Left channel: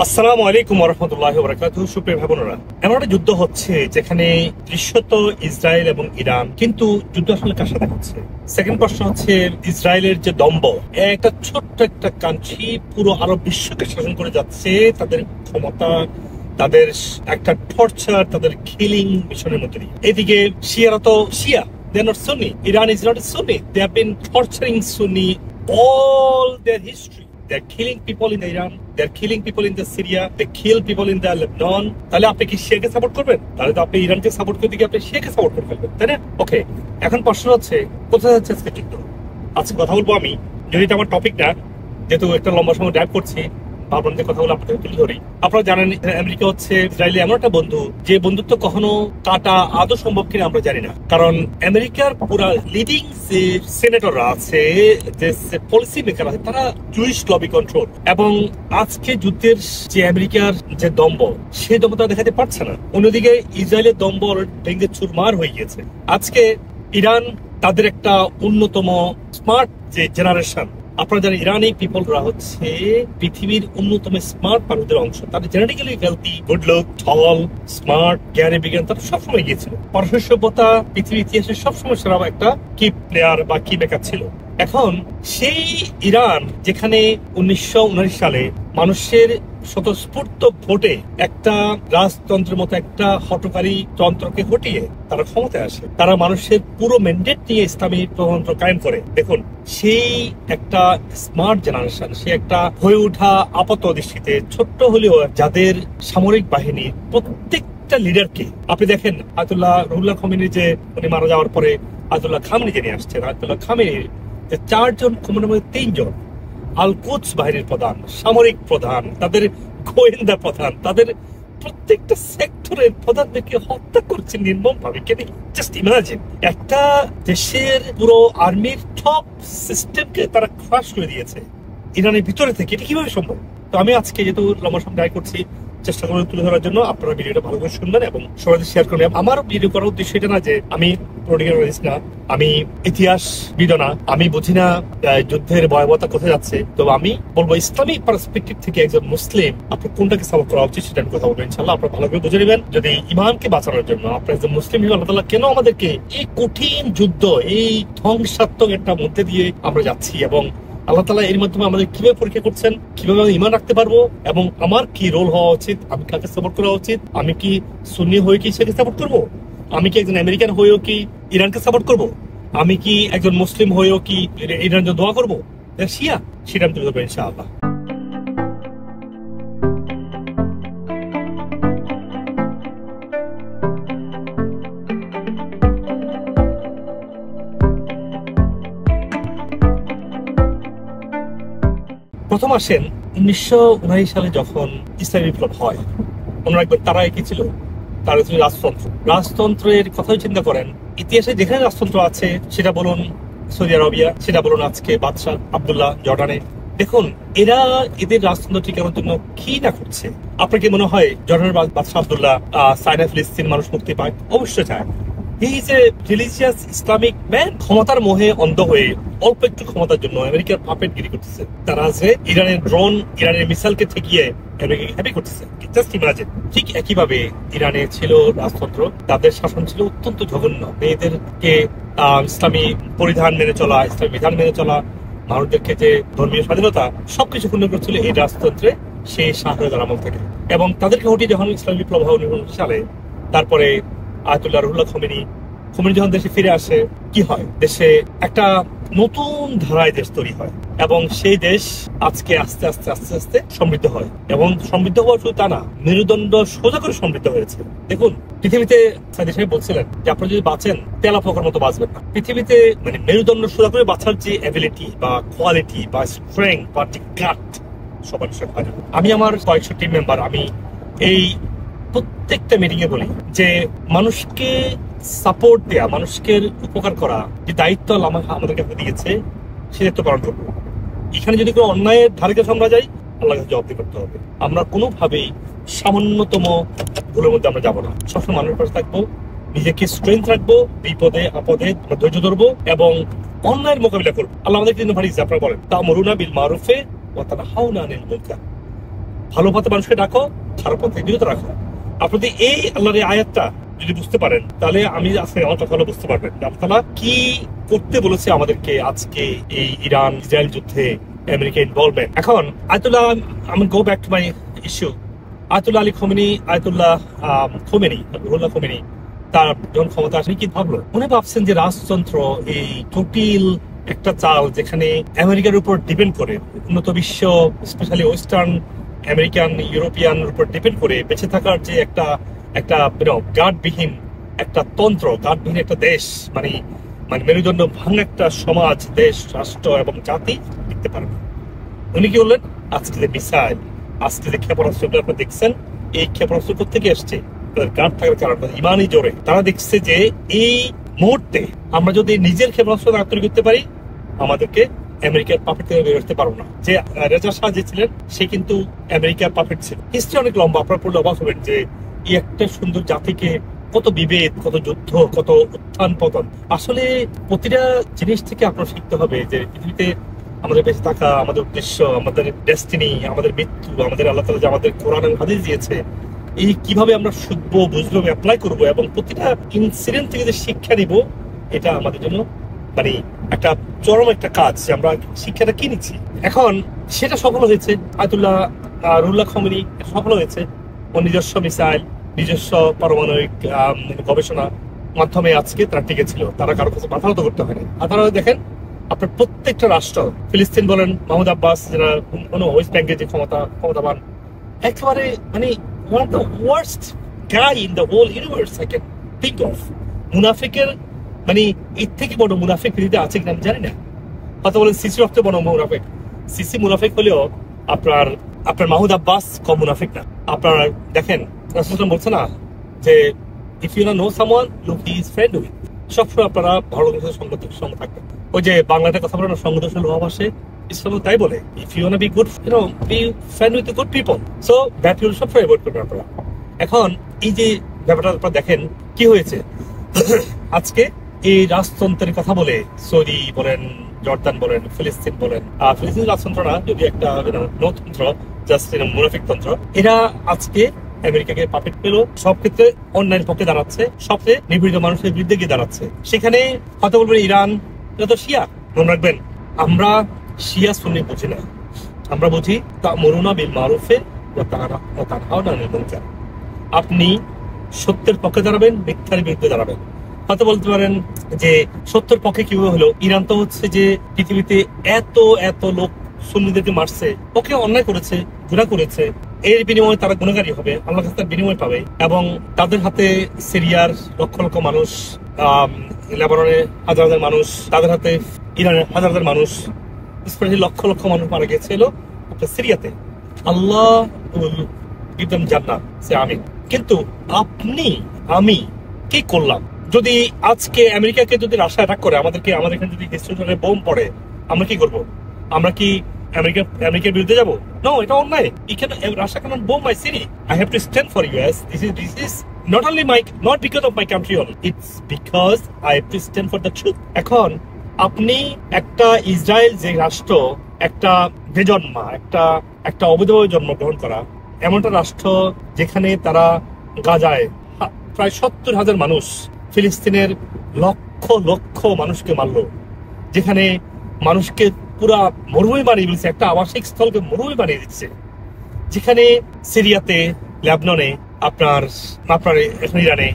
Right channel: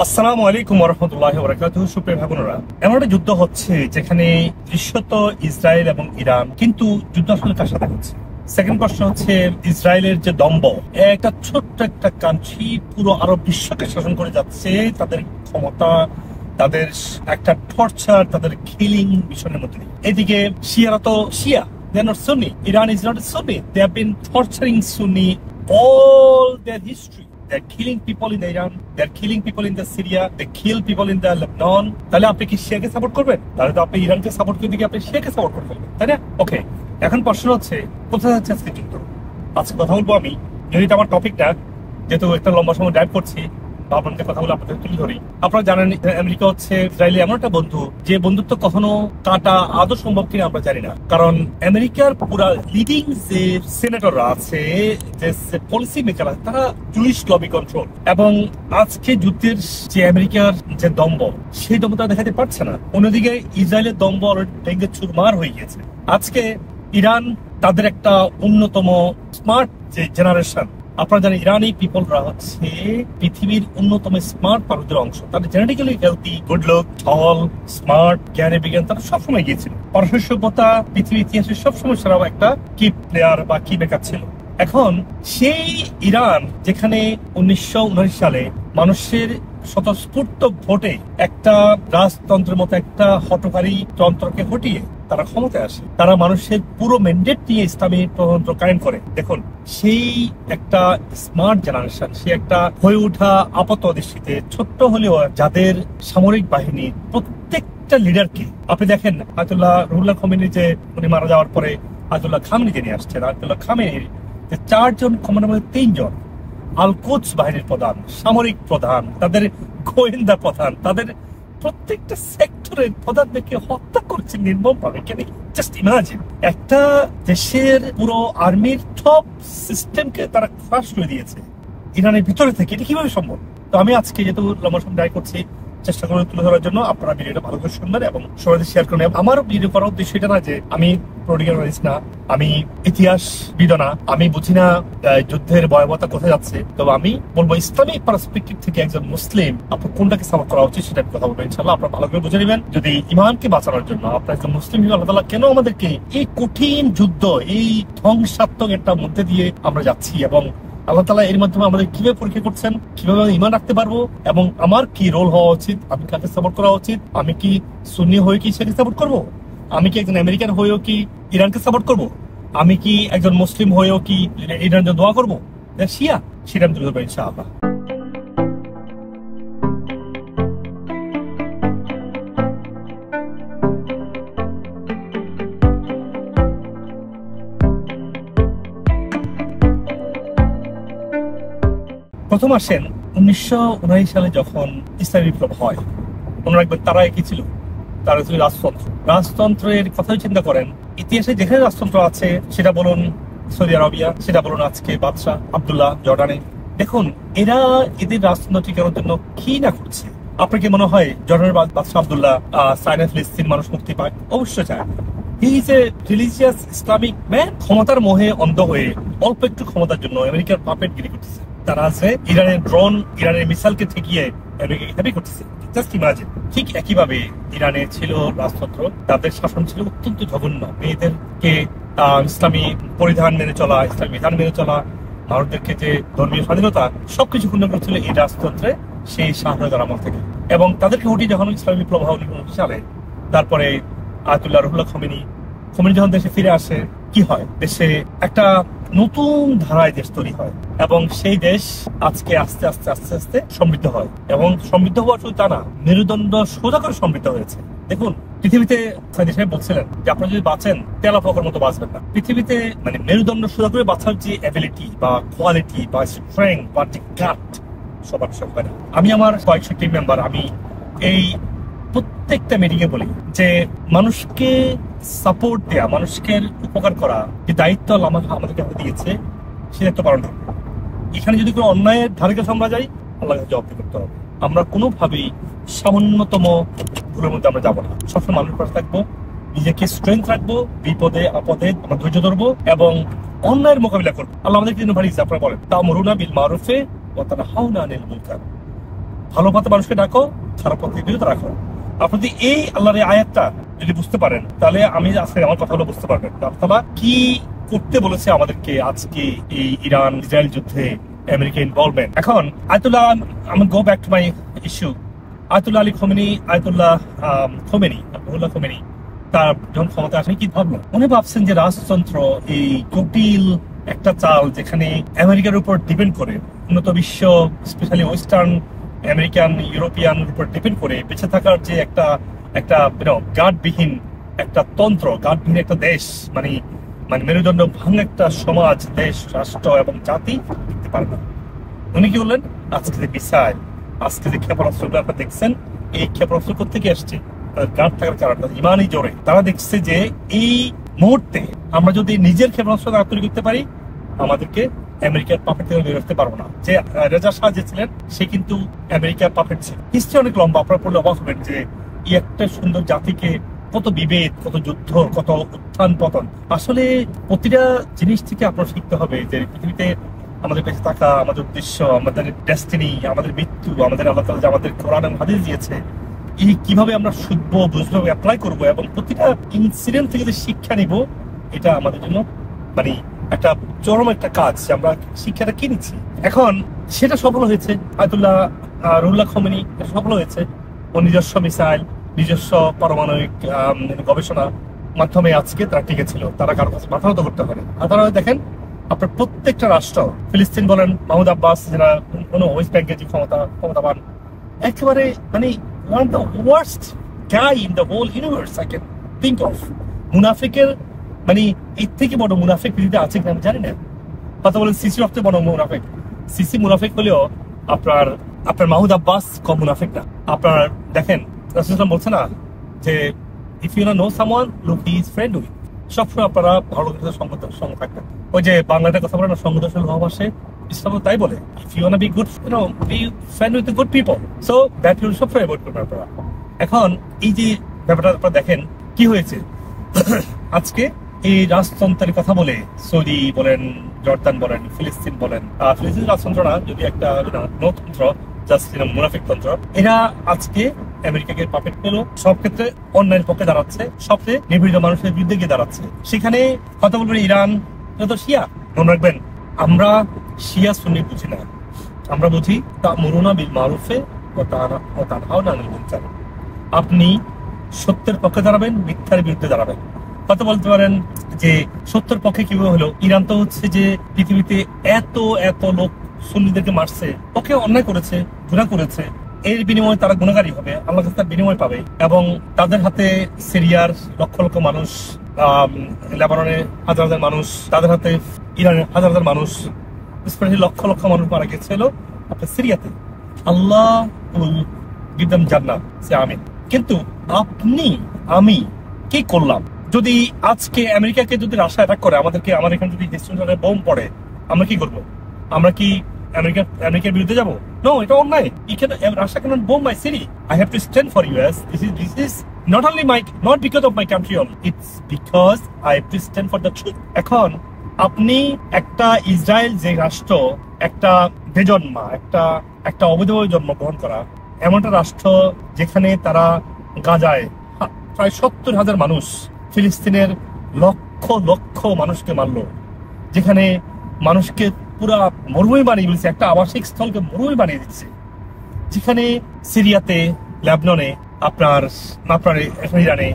আসসালামু আলাইকুম ওয়া রাহমাতুল্লাহি ওয়া বারাকাতুহু। সুপ্রিয় ভাই বোনেরা, এমন একটা যুদ্ধ হচ্ছে যেখানে দৃশ্যত ইসরায়েল এবং ইরান, কিন্তু যুদ্ধ আসলে কার সাথে হচ্ছে? সেকেন্ড প্রশ্ন হচ্ছে, ইসরায়েলের যে দম্ভ, একটা ছোট্ট একটা কান্ট্রি পুরো আরব বিশ্বকে শাসন করে যাচ্ছে, তাদের ক্ষমতা, তাদের একটা টর্চার, তাদের কিলিং মিশনের মধ্যে দিয়ে। এদিকে শিয়ারা তো শিয়া, they are not Sunni. Iran is not a Sunni. They have been torturing Sunni all their history. They're killing people in Iran. They're killing people in the Syria. They kill people in the Lebanon. তাহলে আপনি কি শিয়াকে support করবেন? তাহলে তো আপনি ইরানকে support করে দিকে আপনি শিয়াকে সাপোর্ট করে ফেলবেন, তাই না? ওকে, এখন প্রশ্ন হচ্ছে কোথায় যাচ্ছে আজকে যুদ্ধ? আজকে কথা বলবো আমি, যদি আমার টপিকটা যেহেতু একটা লম্বা সময় ড্রাইভ করছি, আপনাদের কথা বলে আপনাদের তুলে ধরি। আপনারা জানেন আমেরিকা হচ্ছে ইসরায়েলি এমন একটা বন্ধু, যে বন্ধুত্ব কখনো কাটা আদৌ সম্ভব কিনা আমরা জানি না। কারণ আমেরিকার পুরা লিডিং যে সেনেটররা আছে, যে পলিসি মেকার আছে, তারা জুইশ লবি কন্ট্রোল। এবং আজকে যুদ্ধের যে আমেরিকার যে দম্ভ, সেই দম্ভ তারা দেখাতে পারছে না। অন্যদিকে ইসরায়েলের দম্ভ ভেঙে চুরমার হয়ে গিয়েছে। আজকে ইরান তাদের একটা অন্যতম স্মার্ট যে জেনারেশন, আপনারা জানেন ইরানি পিপলরা হচ্ছে পৃথিবীর অন্যতম স্মার্ট মানুষদের অংশ। তারা জেনেটিক্যালি হেলথি, গুড লুক, টল, স্মার্ট, জ্ঞানী বিজ্ঞান তারা সবসময় গিয়েছিল। পারস্য সভ্যতা পৃথিবীর ইতিহাসে সবসময় সেরা একটা কি প্লেয়ার বা কি মেকার ছিল। এখন সেই ইরান যেখানে 1979 সালে মানুষের স্বতঃস্ফূর্ত ভোটে একটা রাজতন্ত্রের মতো একটা হঠকারী তন্ত্রকে হটিয়ে তারা ক্ষমতায় আসে, তারা মানুষের পুরো ম্যান্ডেট নিয়ে ইসলামী প্রজাতন্ত্র কায়েম করে। দেখুন, সেই একটা স্মার্ট জেনারেশন, সে একটা হয়ে ওঠা আপাত দৃষ্টিতে ছোট্ট হলেও যাদের সামরিক বাহিনীর প্রত্যেকটা লিডারকে আপনি দেখেন, আয়াতুল্লাহ রুহুল্লাহ খামেনি যে উনি মারা যাওয়ার পরে আয়াতুল্লাহ খামেনি যে নিয়ে আসছেন, আয়াতুল্লাহ খামেনির 4 জন কমান্ডার মধ্যে 3 জন আল কুদস বাহিনীর প্রধান, সামরিক প্রধান, তাদের গোয়েন্দা প্রধান, তাদের প্রত্যেকটা সেক্টরের প্রধানকে হত্যা করছে নির্মম ভাবে। জাস্ট ইমাজিন, একটা দেশের পুরো আর্মির টপ সিস্টেমকে তারা ক্রাশ করে দিয়েছে ইরানের ভিতরে থেকে। এটা কিভাবে সম্ভব? তো আমি আজকে যেহেতু লম্বা সময় ড্রাইভ করছি, চেষ্টা করে তুলে ধরার জন্য আপনারা ভিডিওটা ভালো করে শুনবেন এবং সবাই শেয়ার করবেন। আমার ভিডিও করার উদ্দেশ্য এটা না যে আমি পলিটিক্যাল না, আমি ইতিহাসবিদ না, আমি বুঝি না যুদ্ধের ভয়াবহতা কোথায় যাচ্ছে। তো আমি বলবো ইসলামিক পার্সপেক্টিভ থেকে একজন মুসলিম আপনার কোনটাকে সাপোর্ট করা উচিত সেটা কথা বলবো ইনশাল্লাহ। আপনারা ভালো করে বুঝে নেবেন, যদি ইমানকে বাঁচানোর জন্য আপনার একজন মুসলিম হিসেবে আল্লাহ তাআলা কেন আমাদেরকে এই কঠিন যুদ্ধ, এই ধ্বংসাত্মক একটা মধ্যে দিয়ে আমরা যাচ্ছি, এবং আল্লাহ তাআলা এর মাধ্যমে আমাদের কিভাবে পরীক্ষা করছেন, কিভাবে আমি ঈমান রাখতে পারবো, এবং আমার কি রোল হওয়া উচিত, আমি কাকে সাপোর্ট করা উচিত, আমি কি সুন্নি হয়ে কি সেটাকে সাপোর্ট করব, আমি কি একজন আমেরিকান হয়েও কি ইরানকে সাপোর্ট করব, আমি কি একজন মুসলিম হয়েও কি ইরানের জন্য দোয়া করবো, শিয়া, সেটা আমি তুলে ধরবো ইনশাআল্লাহ। প্রথম আসেন 1979 সালে যখন ইসলামী বিপ্লব হয়, মনে রাখবেন তারা কি ছিল? তারা ছিল রাজতন্ত্র। রাজতন্ত্রের কথা চিন্তা করেন, ইতিহাসে যেখানে রাজতন্ত্র আছে, সেটা বলুন সৌদি আরবিয়া, সেটা বলুন আজকে বাদশাহ আব্দুল্লাহ জর্ডানে, দেখুন এরা এদের রাজতন্ত্র টিকানোর জন্য কি না করছে। আপনার কি মনে হয় জর্ডানের বাদশাহ আব্দুল্লাহ চায়না ফিলিস্তিন মানুষ মুক্তি পায়? অবশ্যই চায়। He is a religious Islamic man. ক্ষমতার মোহে অন্ধ হয়ে অল্প একটু ক্ষমতার জন্য আমেরিকার পাপেট গিরি করতেছে। তারা আছে ইরানের ড্রোন, ইরানের মিসাইলকে ঠেকিয়ে আমেরিকাকে হ্যাপি করতেছে। Just imagine. ঠিক একইভাবে ইরানে ছিল রাজতন্ত্র, তাদের শাসন ছিল অত্যন্ত জঘন্য। মেয়েদেরকে ইসলামী পরিধান মেনে চলা, ইসলামী বিধান মেনে চলা, মানুষদেরকে যে ধর্মীয় স্বাধীনতা, সবকিছু ক্ষুণ্ণ করেছিল এই রাজতন্ত্রে সেই শাহজাহানের আমল থেকে। এবং তাদেরকে হটিয়ে যখন ইসলামী বিপ্লব হয় 1979 সালে, তারপরে আয়াতুল্লাহ রুহুল্লাহ খামেনি যখন দেশে ফিরে আসে, কি হয়? দেশে একটা নতুন ধারায় দেশ তৈরি হয়, এবং সেই দেশ আজকে আস্তে আস্তে আস্তে আস্তে সমৃদ্ধ হয়। এবং সমৃদ্ধ হওয়া শুধু তা না, মেরুদণ্ড সোজা করে সমৃদ্ধ হয়েছে। দেখুন, পৃথিবীতে সাইদি সাহেব বলছিলেন যে আপনারা যদি বাঁচেন, তেলা পোকার মতো বাঁচবেন না। পৃথিবীতে মানে মেরুদণ্ড সোজা করে বাঁচার যে অ্যাবিলিটি বা কোয়ালিটি বা স্ট্রেংথ বা গাট সবার হয় না। আমি আমার কয়েকশো টিম মেম্বার, আমি এই প্রত্যেকটা মিটিং এ বলি যে মানুষকে সাপোর্ট দেয়া, মানুষকে উপকার করা যে দায়িত্ব আমাদেরকে দিয়েছে, সে দায়িত্ব পালন করবো। এখানে যদি কোনো অন্যায়ের ধারে কাছে আমরা যাই, আল্লাহকে জবাবদিহি করতে হবে। আমরা কোনোভাবেই সামান্যতম ভুলের মধ্যে আমরা যাবো না। সবসময় মানুষের পাশে থাকবো, নিজেকে স্ট্রেংথ রাখবো, বিপদে আপদে আমরা ধৈর্য ধরবো এবং অন্যায়ের মোকাবিলা করবো। আল্লাহ আমাদের কিন্তু ভারী আপনারা বলেন, তা'মুরুনা বিল মারুফে ওয়া তানহাউনা আনিল মুনকার। ভালো পথে মানুষকে ডাকো, খারাপ পথে বিরত রাখো। আপনি এই আল্লাহর আয়াতটা যদি বুঝতে পারেন, তাহলে আমি আজকে আমার কথাগুলো বুঝতে পারবেন আল্লাহ কি করতে বলেছে আমাদেরকে আজকে এই ইরান ইসরায়েল যুদ্ধে আমেরিকা ইনভলভমেন্ট। এখন আয়াতুল্লাহ, আমি go back to my issue. Ayatollah Ali Khomeini, Ayatollah Khomeini তার যখন ক্ষমতা আসেন কি ভাবলো? উনি ভাবছেন যে রাজতন্ত্র এই জটিল একটা চাল, যেখানে আমেরিকার উপর ডিপেন্ড করে, উন্নত বিশ্ব স্পেশালি ওয়েস্টার্ন আমেরিকান ইউরোপিয়ান উপর ডিপেন্ড করে বেঁচে থাকার যে একটা গার্ডবিহীন একটা তন্ত্র, গার্ডবিহীন একটা দেশ, মানে মেরুদণ্ড ভাঙা একটা সমাজ, দেশ, রাষ্ট্র এবং জাতি দেখতে পারে না। উনি কি বললেন? আজকে যে মিসাইল, আজকে যে ক্ষেপণাস্ত্রগুলো আপনারা দেখছেন, এই ক্ষেপণাস্ত্র কোথেকে আসছে? গার্ড থাকার কারণে, ইমানই জোরে তারা দেখছে যে এই মুহূর্তে আমরা যদি নিজের ক্ষেপণাস্ত্র না তৈরি করতে পারি, আমাদেরকে আমেরিকার পাপেট থেকে বের করতে পারবো না। যে রেজা শাহ যে ছিলেন, সে কিন্তু আমেরিকার পাপেট ছিল। হিস্ট্রি অনেক লম্বা, আপনারা পড়লে অবাক হবেন যে এই একটা সুন্দর জাতিকে কত বিভেদ, কত যুদ্ধ, কত উত্থান পতন। আসলে প্রতিটা জিনিস থেকে আপনার শিখতে হবে যে পৃথিবীতে আমাদের বেঁচে থাকা, আমাদের উদ্দেশ্য, আমাদের ডেস্টিনি, আমাদের মৃত্যু, আমাদের আল্লাহ তাআলা যে আমাদের কোরআন এবং হাদিস দিয়েছে, এই কিভাবে আমরা শুনবো, বুঝবো, অ্যাপ্লাই করবো এবং প্রতিটা ইনসিডেন্ট থেকে যে শিক্ষা নিব, এটা আমাদের জন্য মানে একটা চরম একটা কাজ যে আমরা শিক্ষাটা কি নিচ্ছি। এখন সেটা সফল হয়েছে আয়াতুল্লাহ রুহুল্লাহ খোমেনি, এটা সফল হয়েছে। ও নিজস্ব মিসাইল, নিজস্ব পারমাণবিক গবেষণা মাধ্যমে আজকে তারা টিকে ছিল, তারা কারো কাছে মাথা নত করতে হয় না। আর তারা দেখেন আপনার প্রত্যেকটা রাষ্ট্র, ফিলিস্তিন বলেন, মাহমুদ আব্বাস যারা কোনো ওয়েস্ট ব্যাংকের যে ক্ষমতাবান, একেবারে মানে one of the worst guy in the whole universe I can think of. মুনাফিকের মানে এর থেকে বড় মুনাফিক পৃথিবীতে আছে কিনা আমি জানি না। কথা বলেন সিসি সবচেয়ে বড় মুনাফিক। সিসি মুনাফিক হলেও আপনার মাহমুদ আব্বাস কম মুনাফিক না। আপনার দেখেন রাসূলুল্লাহ বলছে না যে if you know someone look he is friend with, সবসময় আপনারা ভালো লোকের সঙ্গে থাকবেন। ওই যে বাংলাতে কথা বলে না, সঙ্গদোষের ভাব আসে, ইসলাম তাই বলে if you want to be good, be friend with good people, so that will সব অ্যাভয়েড করবেন আপনারা। এখন এই যে ব্যাপারটা আপনারা দেখেন কি হয়েছে আজকে এই রাজতন্ত্রের কথা বলে, সৌদি বলেন, জর্দান বলেন, ফিলিস্তিন বলেন, ফিলিস্তিন রাজতন্ত্র না, যদি একটা নতন্ত্র, জাস্ট মুনাফিক তন্ত্র, এরা আজকে আমেরিকাকে পাপেট পেল, সব ক্ষেত্রে অন্যায়ের পক্ষে দাঁড়াচ্ছে, সবচেয়ে নিপীড়িত মানুষের বিরুদ্ধে গিয়ে দাঁড়াচ্ছে। সেখানে কথা বলবেন ইরান, এটা তো শিয়া। মনে রাখবেন, আমরা শিয়া সুন্নি বুঝি না, আমরা বুঝি তা'মুরুনা বিল মারুফে ওয়া তানহাউনা আনিল মুনকার। আপনি সত্যের পক্ষে দাঁড়াবেন, মিথ্যার বিরুদ্ধে দাঁড়াবেন। হয়তো বলতে পারেন যে সত্যের পক্ষে কিভাবে হলো? ইরান তো হচ্ছে যে পৃথিবীতে এত লোক সুন্নিদেরকে মারছে, ওকে অন্যায় করেছে, গুনাহ করেছে, এর বিনিময়ে তারা গুণাগারী হবে, আল্লাহর কাছে তার বিনিময় পাবে। এবং তাদের হাতে সিরিয়ার লক্ষ লক্ষ মানুষ, লেবাননের হাজার হাজার মানুষ, তাদের হাতে ইরানের হাজার হাজার মানুষ, স্পেশালি লক্ষ লক্ষ মানুষ মারা গিয়েছিল আপনার সিরিয়াতে। আল্লাহ উইল গিভ দেম জান্নাহ, সে আমিন। কিন্তু আপনি আমি কি করলাম? যদি আজকে আমেরিকাকে যদি রাশিয়া অ্যাটাক করে, আমাদেরকে, আমার এখানে যদি হিস্ট্রি বোম পড়ে, আমরা কি করবো? আমরা কি আমেরিকার বিরুদ্ধে যাবো? নো, এটা অন্যায়। Russia cannot bomb my city. I have to stand for us. This is not only not because of my country only, it's because I have to stand for the truth. এখন আপনি একটা Israel যে রাষ্ট্র, একটা বেজন্মা, একটা অবৈধভাবে জন্মগ্রহণ করা এমন একটা রাষ্ট্র, যেখানে তারা গাজায় প্রায় 70,000 মানুষ, ফিলিস্তিনের লক্ষ লক্ষ মানুষকে মারলো, যেখানে মানুষকে পুরা মরুভূমি বানিয়ে দিচ্ছে, একটা আবাসিক স্থলকে মরুভূমি বানিয়ে দিচ্ছে, যেখানে সিরিয়াতে, লেবাননে, আপনার এখন ইরানে,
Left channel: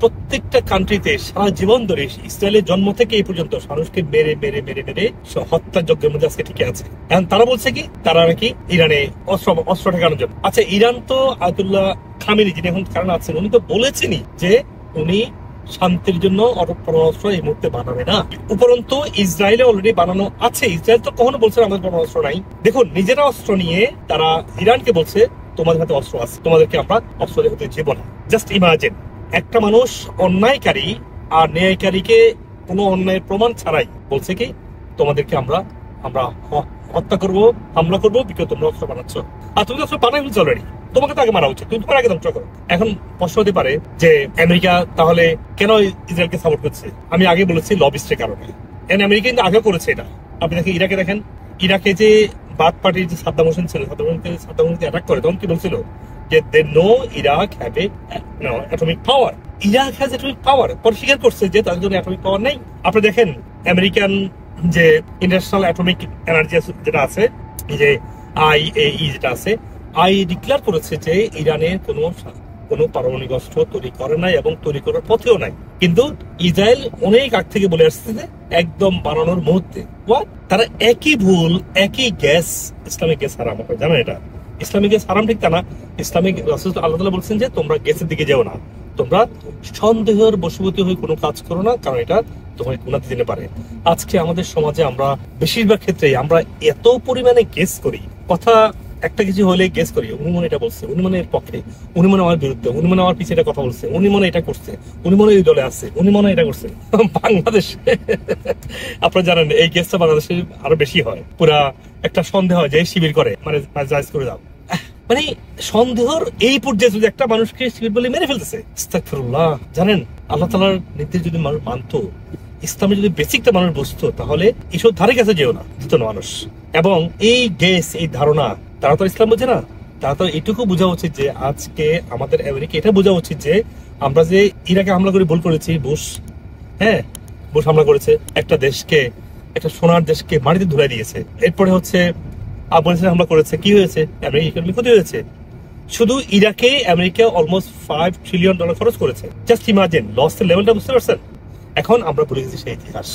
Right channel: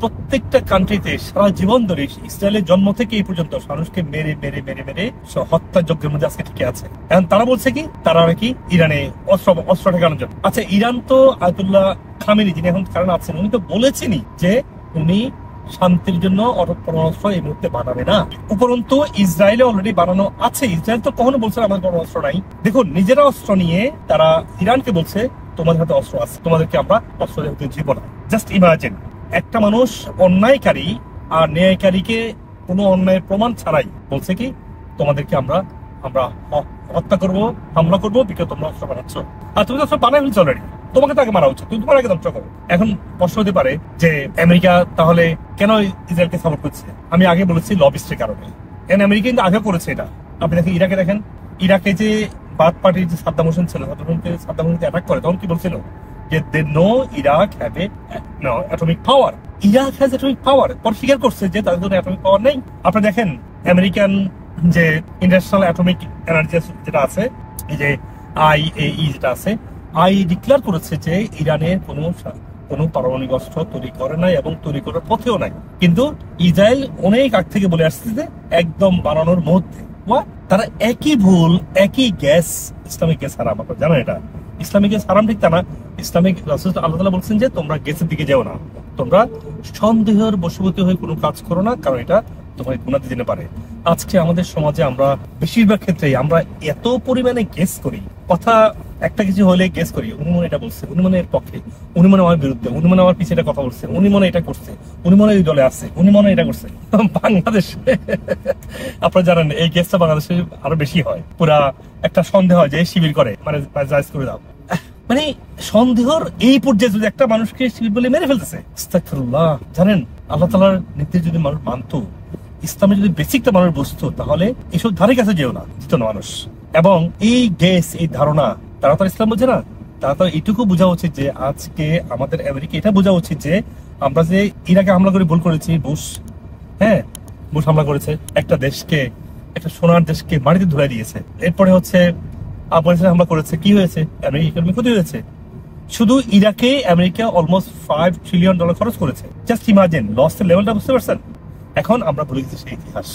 প্রত্যেকটা কান্ট্রিতে সারা জীবন ধরে ইসরায়েলের জন্ম থেকে এই পর্যন্ত মানুষকে মেরে মেরে মেরে মেরে হত্যার যজ্ঞের মধ্যে আজকে টিকে আছে। এখন তারা বলছে কি, তারা নাকি ইরানে অস্ত্র ঠেকানোর জন্য। আচ্ছা, ইরান তো আয়াতুল্লাহ খামেনি, যিনি এখন কারণ আছেন, উনি তো বলেছেনই যে উনি শান্তির জন্য পরমাণু এই মুহূর্তে বানাবে না। উপরন্তু ইসরায়েলে অলরেডি বানানো আছে। ইসরায়েল তো কখনো বলছে আমাদের পরমাণু নাই। দেখুন, নিজেরা অস্ত্র নিয়ে তারা ইরানকে বলছে তোমাদের হাতে অস্ত্র আছে, তোমাদেরকে আমরা অস্ত্র দেখাতে দিব না। জাস্ট ইমাজিন, একটা মানুষ অন্যায়কারী আর ন্যায়কারীকে কোনো অন্যায়ের প্রমাণ ছাড়াই বলছে কি, তোমাদেরকে আমরা হত্যা করবো, হামলা করবো, বিকজ তোমরা অস্ত্র বানাচ্ছ। আর তুমি অস্ত্র বানাই ফেলছো অলরেডি, তোমাকে তাকে মারা উচিত, তুমি তোমার আগে ধ্বংস করো। এখন প্রশ্ন হতে পারে যে আমেরিকা তাহলে কেন ইসরায়েলকে সাপোর্ট করছে? আমি আগে বলেছি লবিস্টের কারণে। আমেরিকা কিন্তু আগে করেছে এটা। আপনি দেখেন ইরাকে, দেখেন ইরাকে যে বাথ পার্টির যে সাদ্দাম হোসেন ছিল, সাদ্দাম হোসেনকে অ্যাটাক করে, তখন কি বলছিল যে they know Iraq have a atomic power, Iraq has atomic power. পর স্বীকার করছে যে তাদের জন্য অ্যাটমিক পাওয়ার নেই। আপনি দেখেন আমেরিকান যে ইন্টারন্যাশনাল অ্যাটমিক এনার্জি যেটা আছে, যে IAEA যেটা আছে, ডিক্লেয়ার করেছে যে ইরানের কোনো পারমাণবিক অস্ত্র তৈরি করে নাই এবং তৈরি করার পথেও নাই। কিন্তু ইসরায়েল অনেক আগ থেকে বলে আসছে যে একদম বানানোর মুহূর্তে তারা একই ভুল, একই গ্যাস, ইসলামিক গ্যাস হারাম। আপনারা জানেন এটা ইসলামিক গ্যাস হারাম ঠিক তা না। ইসলামিক রাসূল আল্লাহ তাআলা বলছেন যে তোমরা গ্যাসের দিকে যাও না, তোমরা সন্দেহের বশবর্তী হয়ে কোনো কাজ করো না, কারণ এটা তোমাকে গুনাহ দিতে পারে। আজকে আমাদের সমাজে আমরা বেশিরভাগ ক্ষেত্রেই আমরা এত পরিমাণে গেস করি, কথা একটা কিছু হলে গেস করি, উনি মনে এটা বলছে, উনি মনে এর পক্ষে, উনি মনে আমার বিরুদ্ধে, উনি মনে আমার পিছিয়ে এটা কথা বলছে, উনি মনে এটা করছে, উনি মনে এই দলে আছে, উনি মনে এটা করছে। বাংলাদেশে আপনারা জানেন এই গেসটা বাংলাদেশে আরো বেশি হয়। পুরা একটা সন্দেহ হয় যে শিবির করে, মানে জায়েজ করে দাও, মানে সন্দেহর এই পর্যায়ে যদি একটা মানুষকে শিবির বলে মেরে ফেলতেছে। আস্তাগফিরুল্লাহ। জানেন আল্লাহ তাআলার নির্দেশ যদি মানুষ মানতো, ইসলামে যদি বেসিকটা মানুষ বুঝতো, তাহলে এসব ধারে কাছে যেও না, দিত না মানুষ। এবং এই গ্যাস, এই ধারণা, তারা তো ইসলাম বোঝে না। তারা তো এটুকু বোঝা উচিত যে আজকে আমাদের আমেরিকা এটা বোঝা উচিত যে আমরা যে ইরাকে হামলা করে ভুল করেছি, বুশ হামলা করেছে একটা দেশকে, একটা সোনার দেশকে মাটিতে ধুলাই দিয়েছে। এরপরে হচ্ছে আফগানিস্তান হামলা করেছে, কি হয়েছে? আমেরিকা ইকোনমি ক্ষতি হয়েছে। শুধু ইরাকে আমেরিকা অলমোস্ট $5 ট্রিলিয়ন খরচ করেছে। জাস্ট ইমাজিন লসের লেভেলটা, বুঝতে পারছেন? এখন আমরা ভুলে গেছি সেই ইতিহাস,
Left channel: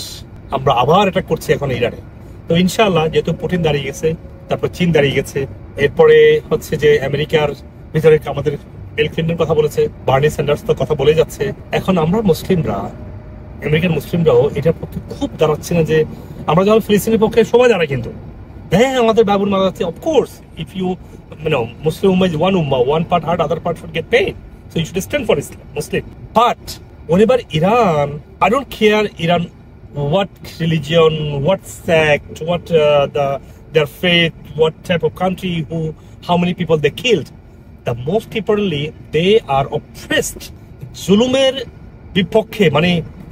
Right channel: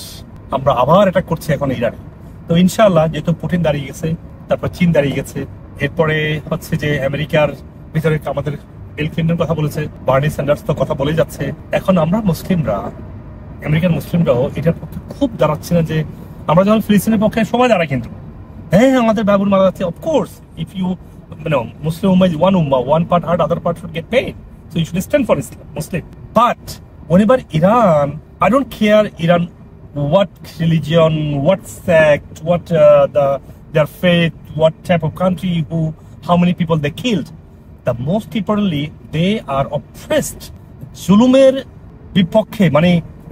আমরা আবার অ্যাটাক করছি এখন ইরানে। তো ইনশাআল্লাহ যেহেতু পুতিন দাঁড়িয়ে গেছে, তারপর চীন দাঁড়িয়ে গেছে, এরপরে হচ্ছে যে আমেরিকার ভিতরে আমাদের বিল ক্লিন্টন কথা বলেছে, বার্নি স্যান্ডার্স তো কথা বলে যাচ্ছে। এখন আমরা মুসলিমরা, আমেরিকান মুসলিমরাও এটার পক্ষে খুব দাঁড়াচ্ছে না যে আমরা যখন ফিলিস্তিনের পক্ষে সবাই দাঁড়াই, কিন্তু হ্যাঁ আমাদের বাবুর মারা যাচ্ছে। Of course if you Muslim ummah is one ummah, one part hurt, other part should get paid, so you should stand for Islam, Muslim. But whenever Iran, I don't care Iran what religion, what sect, what their faith, what type of country, how many people they killed. The most importantly, they are oppressed. জুলুমের বিপক্ষে, মানে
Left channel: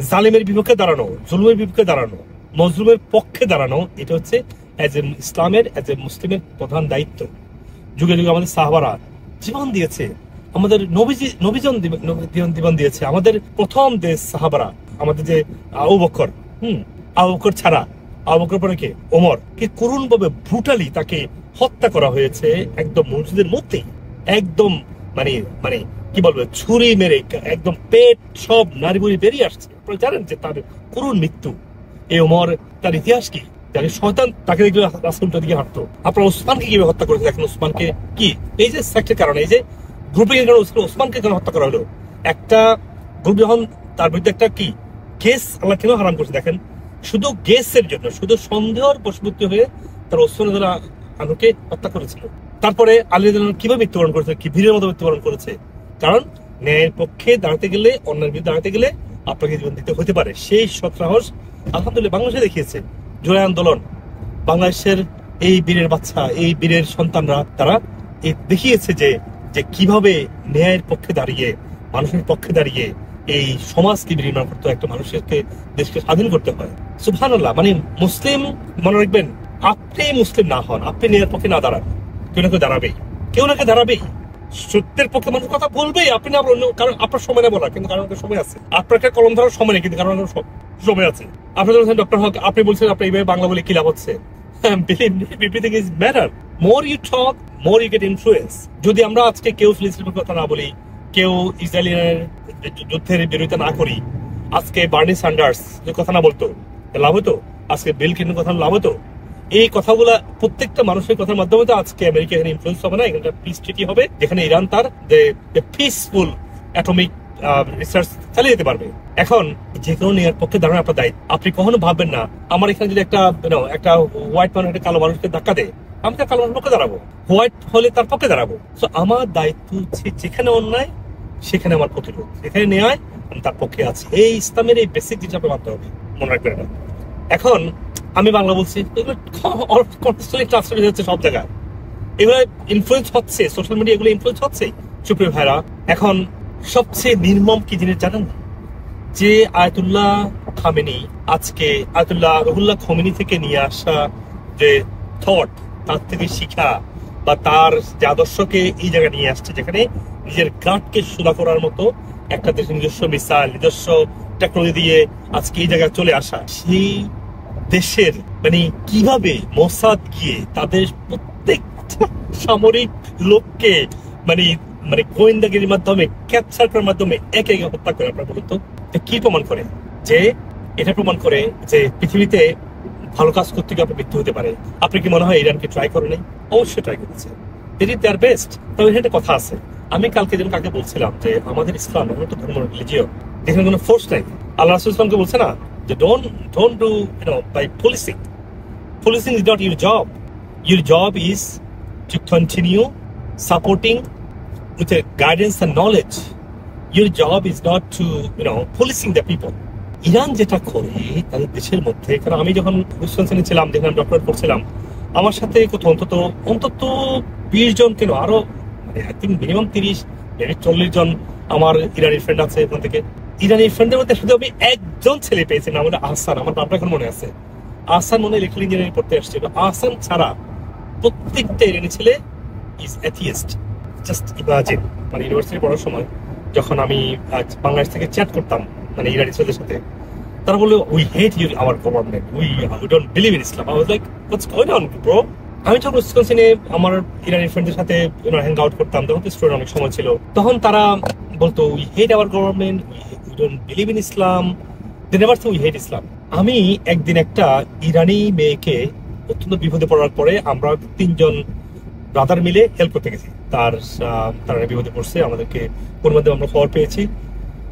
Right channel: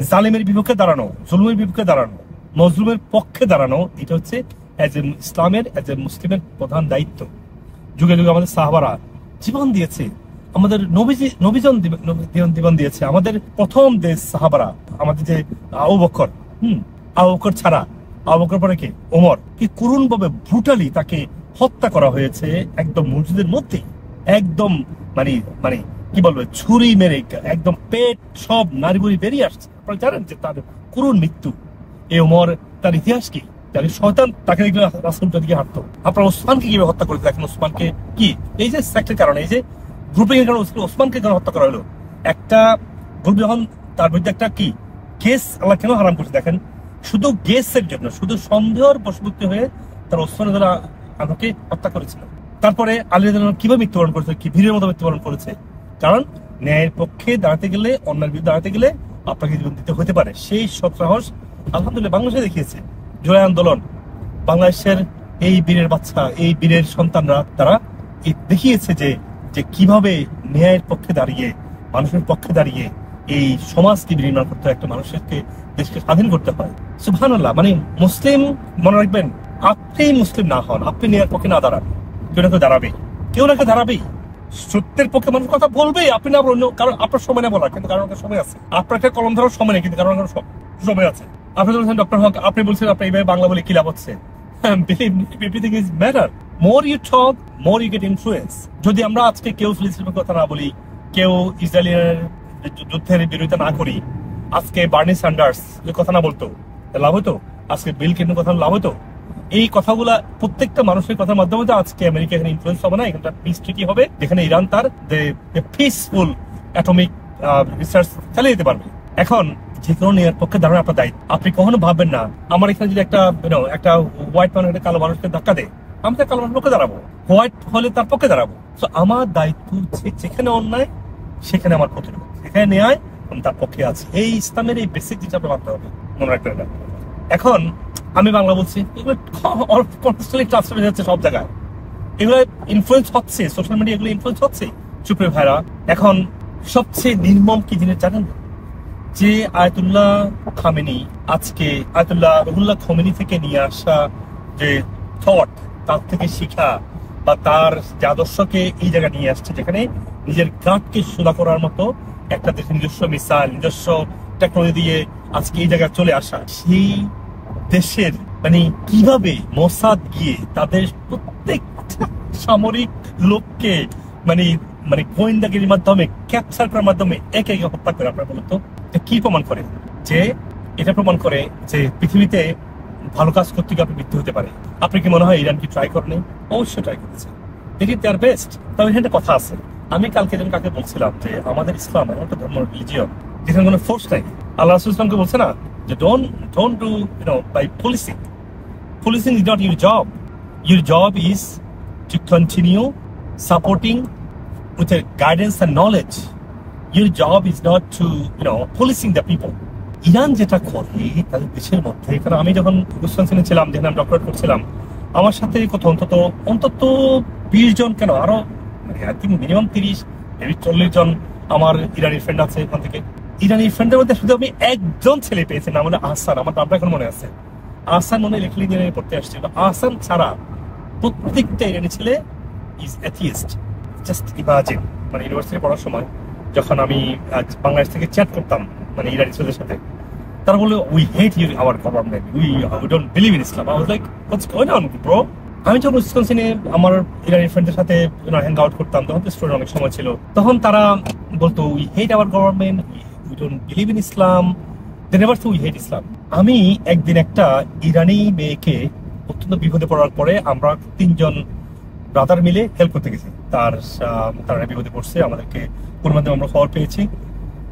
জালেমের বিপক্ষে দাঁড়ানো, জুলুমের বিপক্ষে দাঁড়ানো, মজলুমের পক্ষে দাঁড়ানো, এটা হচ্ছে ইসলামের মুসলিমের প্রধান দায়িত্ব। যুগে যুগে আমাদের সাহাবারা জীবন দিয়েছে, আমাদের নবীজন জীবন দিয়েছে, আমাদের প্রথম দেশ সাহাবারা, আমাদের যে আবু বকর, আবু বকর ছাড়া, আবু বকর পরে কে? ওমর, কি করুণ ভাবে ব্রুটালি তাকে হত্যা করা হয়েছে একদম মসজিদের মধ্যেই, একদম মানে কি বলবো, ছুরি মেরে একদম পেট সব নাড়িগুড়ি বেরিয়ে আসছে। আপনারা জানেন যে তার করুণ মৃত্যু। এই ওমর, তার ইতিহাস কি? শয়তান তাকে দেখলে রাসূলটার দিকে হাঁটতো। আপনার ওসমানকে কিভাবে হত্যা করেছে দেখেন। ওসমানকে কি এই যে সেক্টের কারণে, এই যে গ্রুপিং এর কারণে ওসমানকে কেন হত্যা করা হলো? একটা গ্রুপ যখন তার বিরুদ্ধে একটা কি কেস আল্লাহ কেন হারাম করছে দেখেন, শুধু গেসের জন্য, শুধু সন্দেহের বশবর্তী হয়ে তার ওসমান আনুকে হত্যা করেছিল। তারপরে আলী রাদিয়াল্লাহু কিভাবে মৃত্যুবরণ করেছে, কি বীরের মতো মৃত্যুবরণ করেছে? কারণ ন্যায়ের পক্ষে দাঁড়াতে গেলে, অন্যায়ের বিরুদ্ধে দাঁড়াতে গেলে আপনাকে জীবন দিতে হতে পারে। সেই সৎসাহস আলহামদুলিল্লাহ বাংলাদেশে দেখিয়েছে। জুলাই আন্দোলন, বাংলাদেশের এই বীরের বাচ্চা, এই বীরের সন্তানরা, তারা দেখিয়েছে যে কিভাবে ন্যায়ের পক্ষে দাঁড়িয়ে, মানুষের পক্ষে দাঁড়িয়ে এই সমাজকে নির্মাণ করতে হয়, একটা মানুষকে, দেশকে স্বাধীন করতে হয়। সুবহানাল্লাহ। মানে মুসলিম, মনে রাখবেন, আপনি মুসলিম না হন, আপনি ন্যায়ের পক্ষে না দাঁড়ান, কেউ না কেউ দাঁড়াবেই, কেউ না কেউ দাঁড়াবেই। সত্যের পক্ষে মানুষ কথা বলবেই, আপনি না বলুন, কারণ আপনার সময় না বলার, কিন্তু কারণ সময় আছে। আপনার একটা কলম ধরার সময় নেই, কিন্তু কারণ সময় আছে। আপনি বলছেন ডক্টর হক, আপনি বলছেন আপনি এইভাবে বাংলা বলে কি লাভ হচ্ছে? Everything is matter. More you talk, more you get influence. যদি আমরা আজকে কেউ ফিলিস্তিনের কথা না বলি, কেউ ইসরায়েলের যুদ্ধের বিরোধিতা না করি, আজকে বার্নি স্যান্ডার্স কথা না বলতো, লাভ হতো? আজকে বিল ক্লিন্টন কথা লাভ হতো? এই কথাগুলা প্রত্যেকটা মানুষের কথার মাধ্যমে তো আজকে আমেরিকা এখানে ইনফ্লুয়েন্স হবে না। এখানে পিস ট্রিটি হবে, যেখানে ইরান তার পিসফুল অ্যাটমিক রিসার্চ চালিয়ে যেতে পারবে। এখন যে কোনো নেয়ার পক্ষে দাঁড়ানো আপনার দায়িত্ব। আপনি কখনো ভাববেন না আমার এখানে যদি একটা হোয়াইট মানুষ একটা কালো মানুষকে ধাক্কা দেয়, আমি তার কালো মানুষের পক্ষে দাঁড়াবো, হোয়াইট হলে তার পক্ষে দাঁড়াবো। তো আমার দায়িত্ব হচ্ছে যেখানে অন্যায় সেখানে আমার প্রতিরোধ, যেখানে ন্যায় আমি তার পক্ষে আছি। এই ইসলামের এই বেসিক জিনিস আপনার মানতে হবে, মনে রাখবেন এটা। এখন আমি বাংলা বলছি, এগুলো কন্টেক্সচুয়ালি ট্রান্সলেট হয়ে যাচ্ছে সব জায়গায়, এগুলো ইনফ্লুয়েন্স হচ্ছে, সোশ্যাল মিডিয়া এগুলো ইনফ্লুয়েন্স হচ্ছে। সুপ্রিয় ভাইরা, এখন সবচেয়ে নির্মম কি জিনিস জানেন? যে আয়াতুল্লাহ খামেনি, আজকে আয়াতুল্লাহ রুহুল্লাহ খোমেনি থেকে নিয়ে আসা যে থট, তার থেকে শিখা বা তার যে আদর্শকে এই জায়গায় নিয়ে আসছে, যেখানে নিজের গাঁটকে সোজা করার মতো একটা দেশের নিজস্ব মিসাইল, নিজস্ব টেকনোলজি দিয়ে আজকে এই জায়গায় চলে আসা, সেই দেশের মানে কিভাবে মোসাদ গিয়ে তাদের প্রত্যেকটা সামরিক লোককে মানে মানে গোয়েন্দাগিরির মাধ্যমে ক্যাপচার করার মাধ্যমে একে একে হত্যা করে, আপনার বলুন তো কি প্রমাণ করে? যে এটা প্রমাণ করে যে পৃথিবীতে ভালো কাজ করতে গিয়ে আপনার মৃত্যু হতে পারে। আপনি কি মনে হয় ইরানকে ট্রাই করেনি? অবশ্যই ট্রাই করেছে, ইট দেয়ার বেস্ট। তবে এখানে একটা কথা আছে, আমি কালকে যেন কাকে বলছিলাম যে আমাদের ইসলাম এমন একটা ধর্ম, রিলিজিয়ন যেখানে কোনো ফোর্স নাই। আল্লাহ রাসূল ইসলামকে বলছে না যে don't do by policing. Policing is not your job. Your job is to continue supporting with a guidance and knowledge. Your job is not to, policing the people. Iran যেটা করে তাদের দেশের মধ্যে, কারণ আমি যখন উইসকনসিনে ছিলাম, যেখানে আমি ডক্টরেট করছিলাম, আমার সাথে কত অন্তত 20 জন, কেন আরো মানে আই থিঙ্ক মিনিমাম 30-40 জন আমার ইরানি ফ্রেন্ড আছে। ওখান থেকে ইরানি ফ্রেন্ডের মধ্যে শুধু আমি একজন ছেলে পেয়েছি, নাম হলো আহসান। আমার নামটা এখন মনে আছে। আহসান মনে ইলেকট্রিক্যাল ইঞ্জিনিয়ারিং পড়তে আসছিল। আহসান ছাড়া প্রত্যেকটা ইরানি ছেলে ইজ অ্যাথিয়েস্ট। জাস্ট ইমাজিন, মানে ইউনিভার্সিটি পড়ার সময় যখন আমি বাংলাদেশ থেকে চ্যাট করতাম মানে ইরানি ছেলেদের সাথে, তারা বললো we hate your hour government, we don't believe in Islam. I was like what's going on bro. আমি যখন উইসকনসিনে আমার ইরানি ফ্রেন্ডদের সাথে হ্যাং আউট করতাম, তখন তো স্টুডেন্ট অনেক সময় ছিল, তখন তারা বলতো we hate our government, we don't believe in Islam, they never say we hate Islam. আমি একদিন একটা ইরানি মেয়েকে অত্যন্ত বিপদে পড়ার পরে আমরা 3 জন ব্রাদার মিলে হেল্প করতে গেছি। তারা বিপদে পড়ছে, আমাদেরকে ওর মধ্যে আমরা খবর পেয়েছি।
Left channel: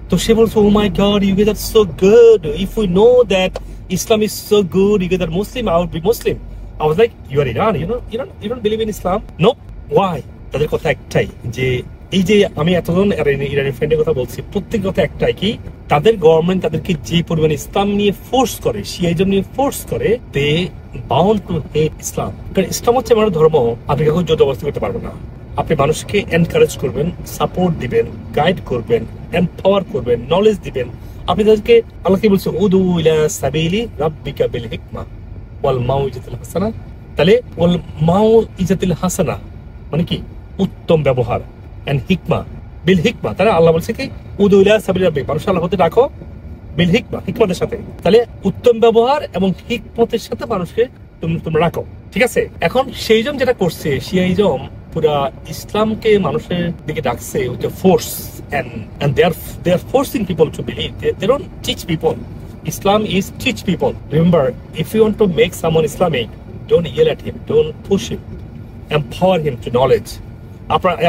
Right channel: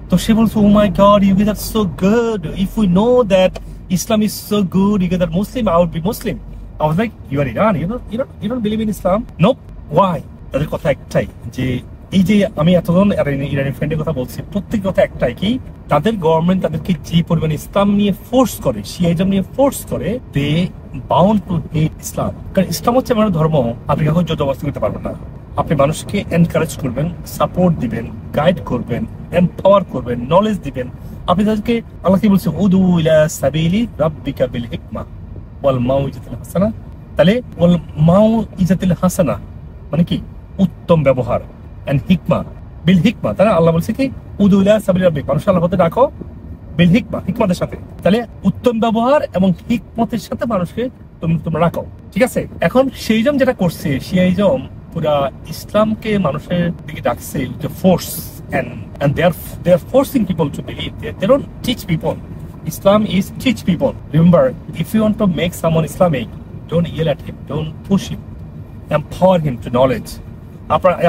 তো সে বলছে oh my god, you get that so good, if we know that Islam is so good, you get that Muslim, I would be Muslim. I was like you are Iran, you don't believe in Islam? No. Why? তাদের কথা একটাই, যে এই যে আমি এতজন ইরানি ফ্রেন্ডের কথা বলছি, প্রত্যেক কথা একটাই, কি তাদের গভর্নমেন্ট তাদেরকে যে পরিমাণ ইসলাম নিয়ে ফোর্স করে, শিয়াইজম নিয়ে ফোর্স করে, দে বাউন্ড টু হেট ইসলাম। কারণ ইসলাম হচ্ছে আমার ধর্ম, আপনি কখন জবরদস্তি করতে পারবেন না। আপনি মানুষকে এনকারেজ করবেন, সাপোর্ট দিবেন, গাইড করবেন, এম্পাওয়ার করবেন, নলেজ দিবেন। আপনি তাদেরকে, আল্লাহ কি বলছে, উদু ইলা সাবিলি রাব্বিকা বিল হিকমা ওয়াল মাউইজাতিল হাসানা। তাহলে ওয়াল মাউইজাতিল হাসানা মানে কি? উত্তম ব্যবহার, এন্ড হিকমা বিল হিকমা। তাহলে আল্লাহ বলছে কি উদু ইলা সাবিলি রাব্বিক, মানুষ আল্লাহর পথে ডাকো বিল হিকমা, হিকমতের সাথে। তাহলে উত্তম ব্যবহার এবং হিকমতের সাথে মানুষকে তোমরা রাখো, ঠিক আছে? এখন সেইজম যেটা করছে, শিয়াইজম পুরা ইসলামকে মানুষের দিকে ডাকছে with force, and they are forcing people to believe. They don't teach people. Islam is teach people. Remember, if you want to make someone Islamic, don't yell at him, don't push him, empower him to knowledge.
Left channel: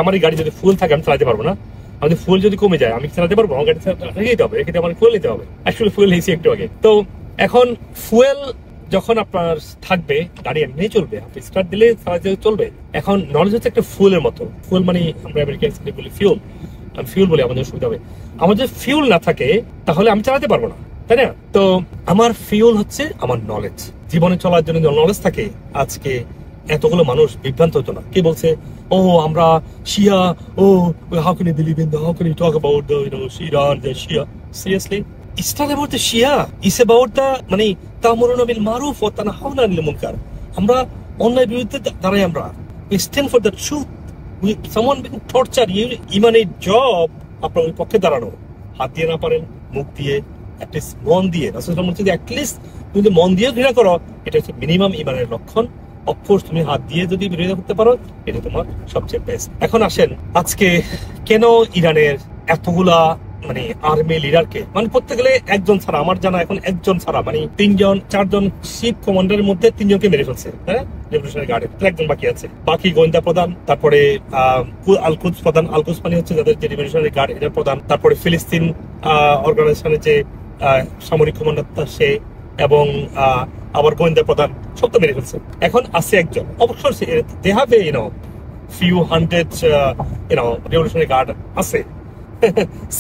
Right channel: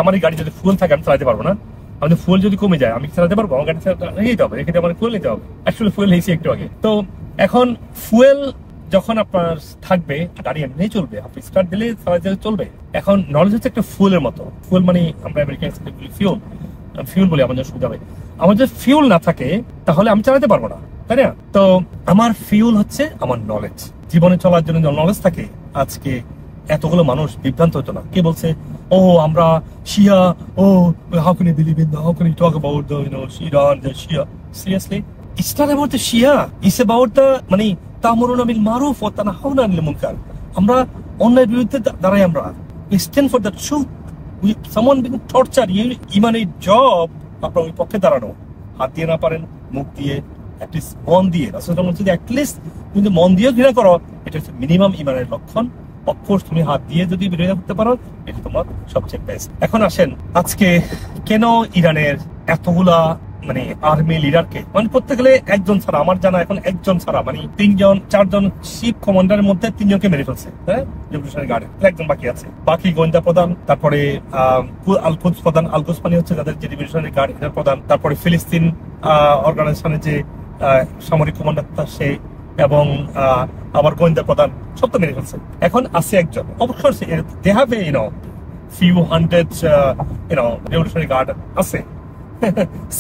আমার গাড়ি যদি fuel থাকে আমি চালাতে পারবো না। আমাদের fuel যদি কমে যায় আমি চালাতে পারবো? আমার গাড়ি রেখে হবে, রেখে আমার ফুয়েল নিতে হবে। অ্যাকচুয়ালি ফুয়েল হয়েছে একটু আগে। তো এখন ফুয়েল যখন আপনার থাকবে, গাড়ি এমনি চলবে, আপনি স্টার্ট দিলে চলবে। এখন নলেজ হচ্ছে একটা ফুয়েলের মতো। ফুয়েল মানে আমরা আমেরিকান বলি ফিউল, ফিউল বলে আমাদের সুবিধা হবে। আমার যদি ফিউল না থাকে তাহলে আমি চালাতে পারবো না, তাই না? তো আমার ফিউল হচ্ছে আমার নলেজ। জীবনে চলার জন্য নলেজ থাকে, আজকে এতগুলো মানুষ বিভ্রান্ত হতো না। কে বলছে ও আমরা শিয়া, oh how can you believe in, how can you talk about the Iran, the Shia? Seriously, it's not about the Shia, it's about the মানে তা'মুরুনা বিল মারুফ ওয়া তানহাউনা আনিল মুনকার। আমরা অন্যায়ের বিরুদ্ধে দাঁড়াই, আমরা we stand for the truth. Someone being tortured, ইমানের job আপনার ওই পক্ষে দাঁড়ানো। হাত দিয়ে না পারেন, মুখ দিয়ে, অ্যাটলিস্ট মন দিয়ে। রাসূলুল্লাহ বলছেন অ্যাটলিস্ট তুমি যদি মন দিয়ে ঘৃণা করো, এটা হচ্ছে মিনিমাম ইমানের লক্ষণ। অফকোর্স তুমি হাত দিয়ে যদি বিরোধিতা করতে পারো, এটা তোমার সবচেয়ে বেস্ট। এখন আসেন, আজকে কেন ইরানের এতগুলা মানে আর্মি লিডারকে, মানে প্রত্যেক গেলে একজন ছাড়া, আমার জানা এখন একজন ছাড়া, মানে 4জন শিপ কমান্ডারের মধ্যে 3 জনকে মেরে ফেলছে, হ্যাঁ, রেভলিউশনারি গার্ডের। একজন বাকি আছে, বাকি গোয়েন্দা প্রধান, তারপরে আল-কুদস প্রধান, আল-কুদস মানে হচ্ছে যাদের যে রেভলিউশনারি গার্ড এটার প্রধান, তারপরে ফিলিস্তিন অর্গানাইজেশনের যে সামরিক কমান্ডার সে, এবং আবার গোয়েন্দা প্রধান, সব তো মেরে ফেলছে। এখন আছে একজন, অবশ্যই they have a few hundred revolutionary guard আছে।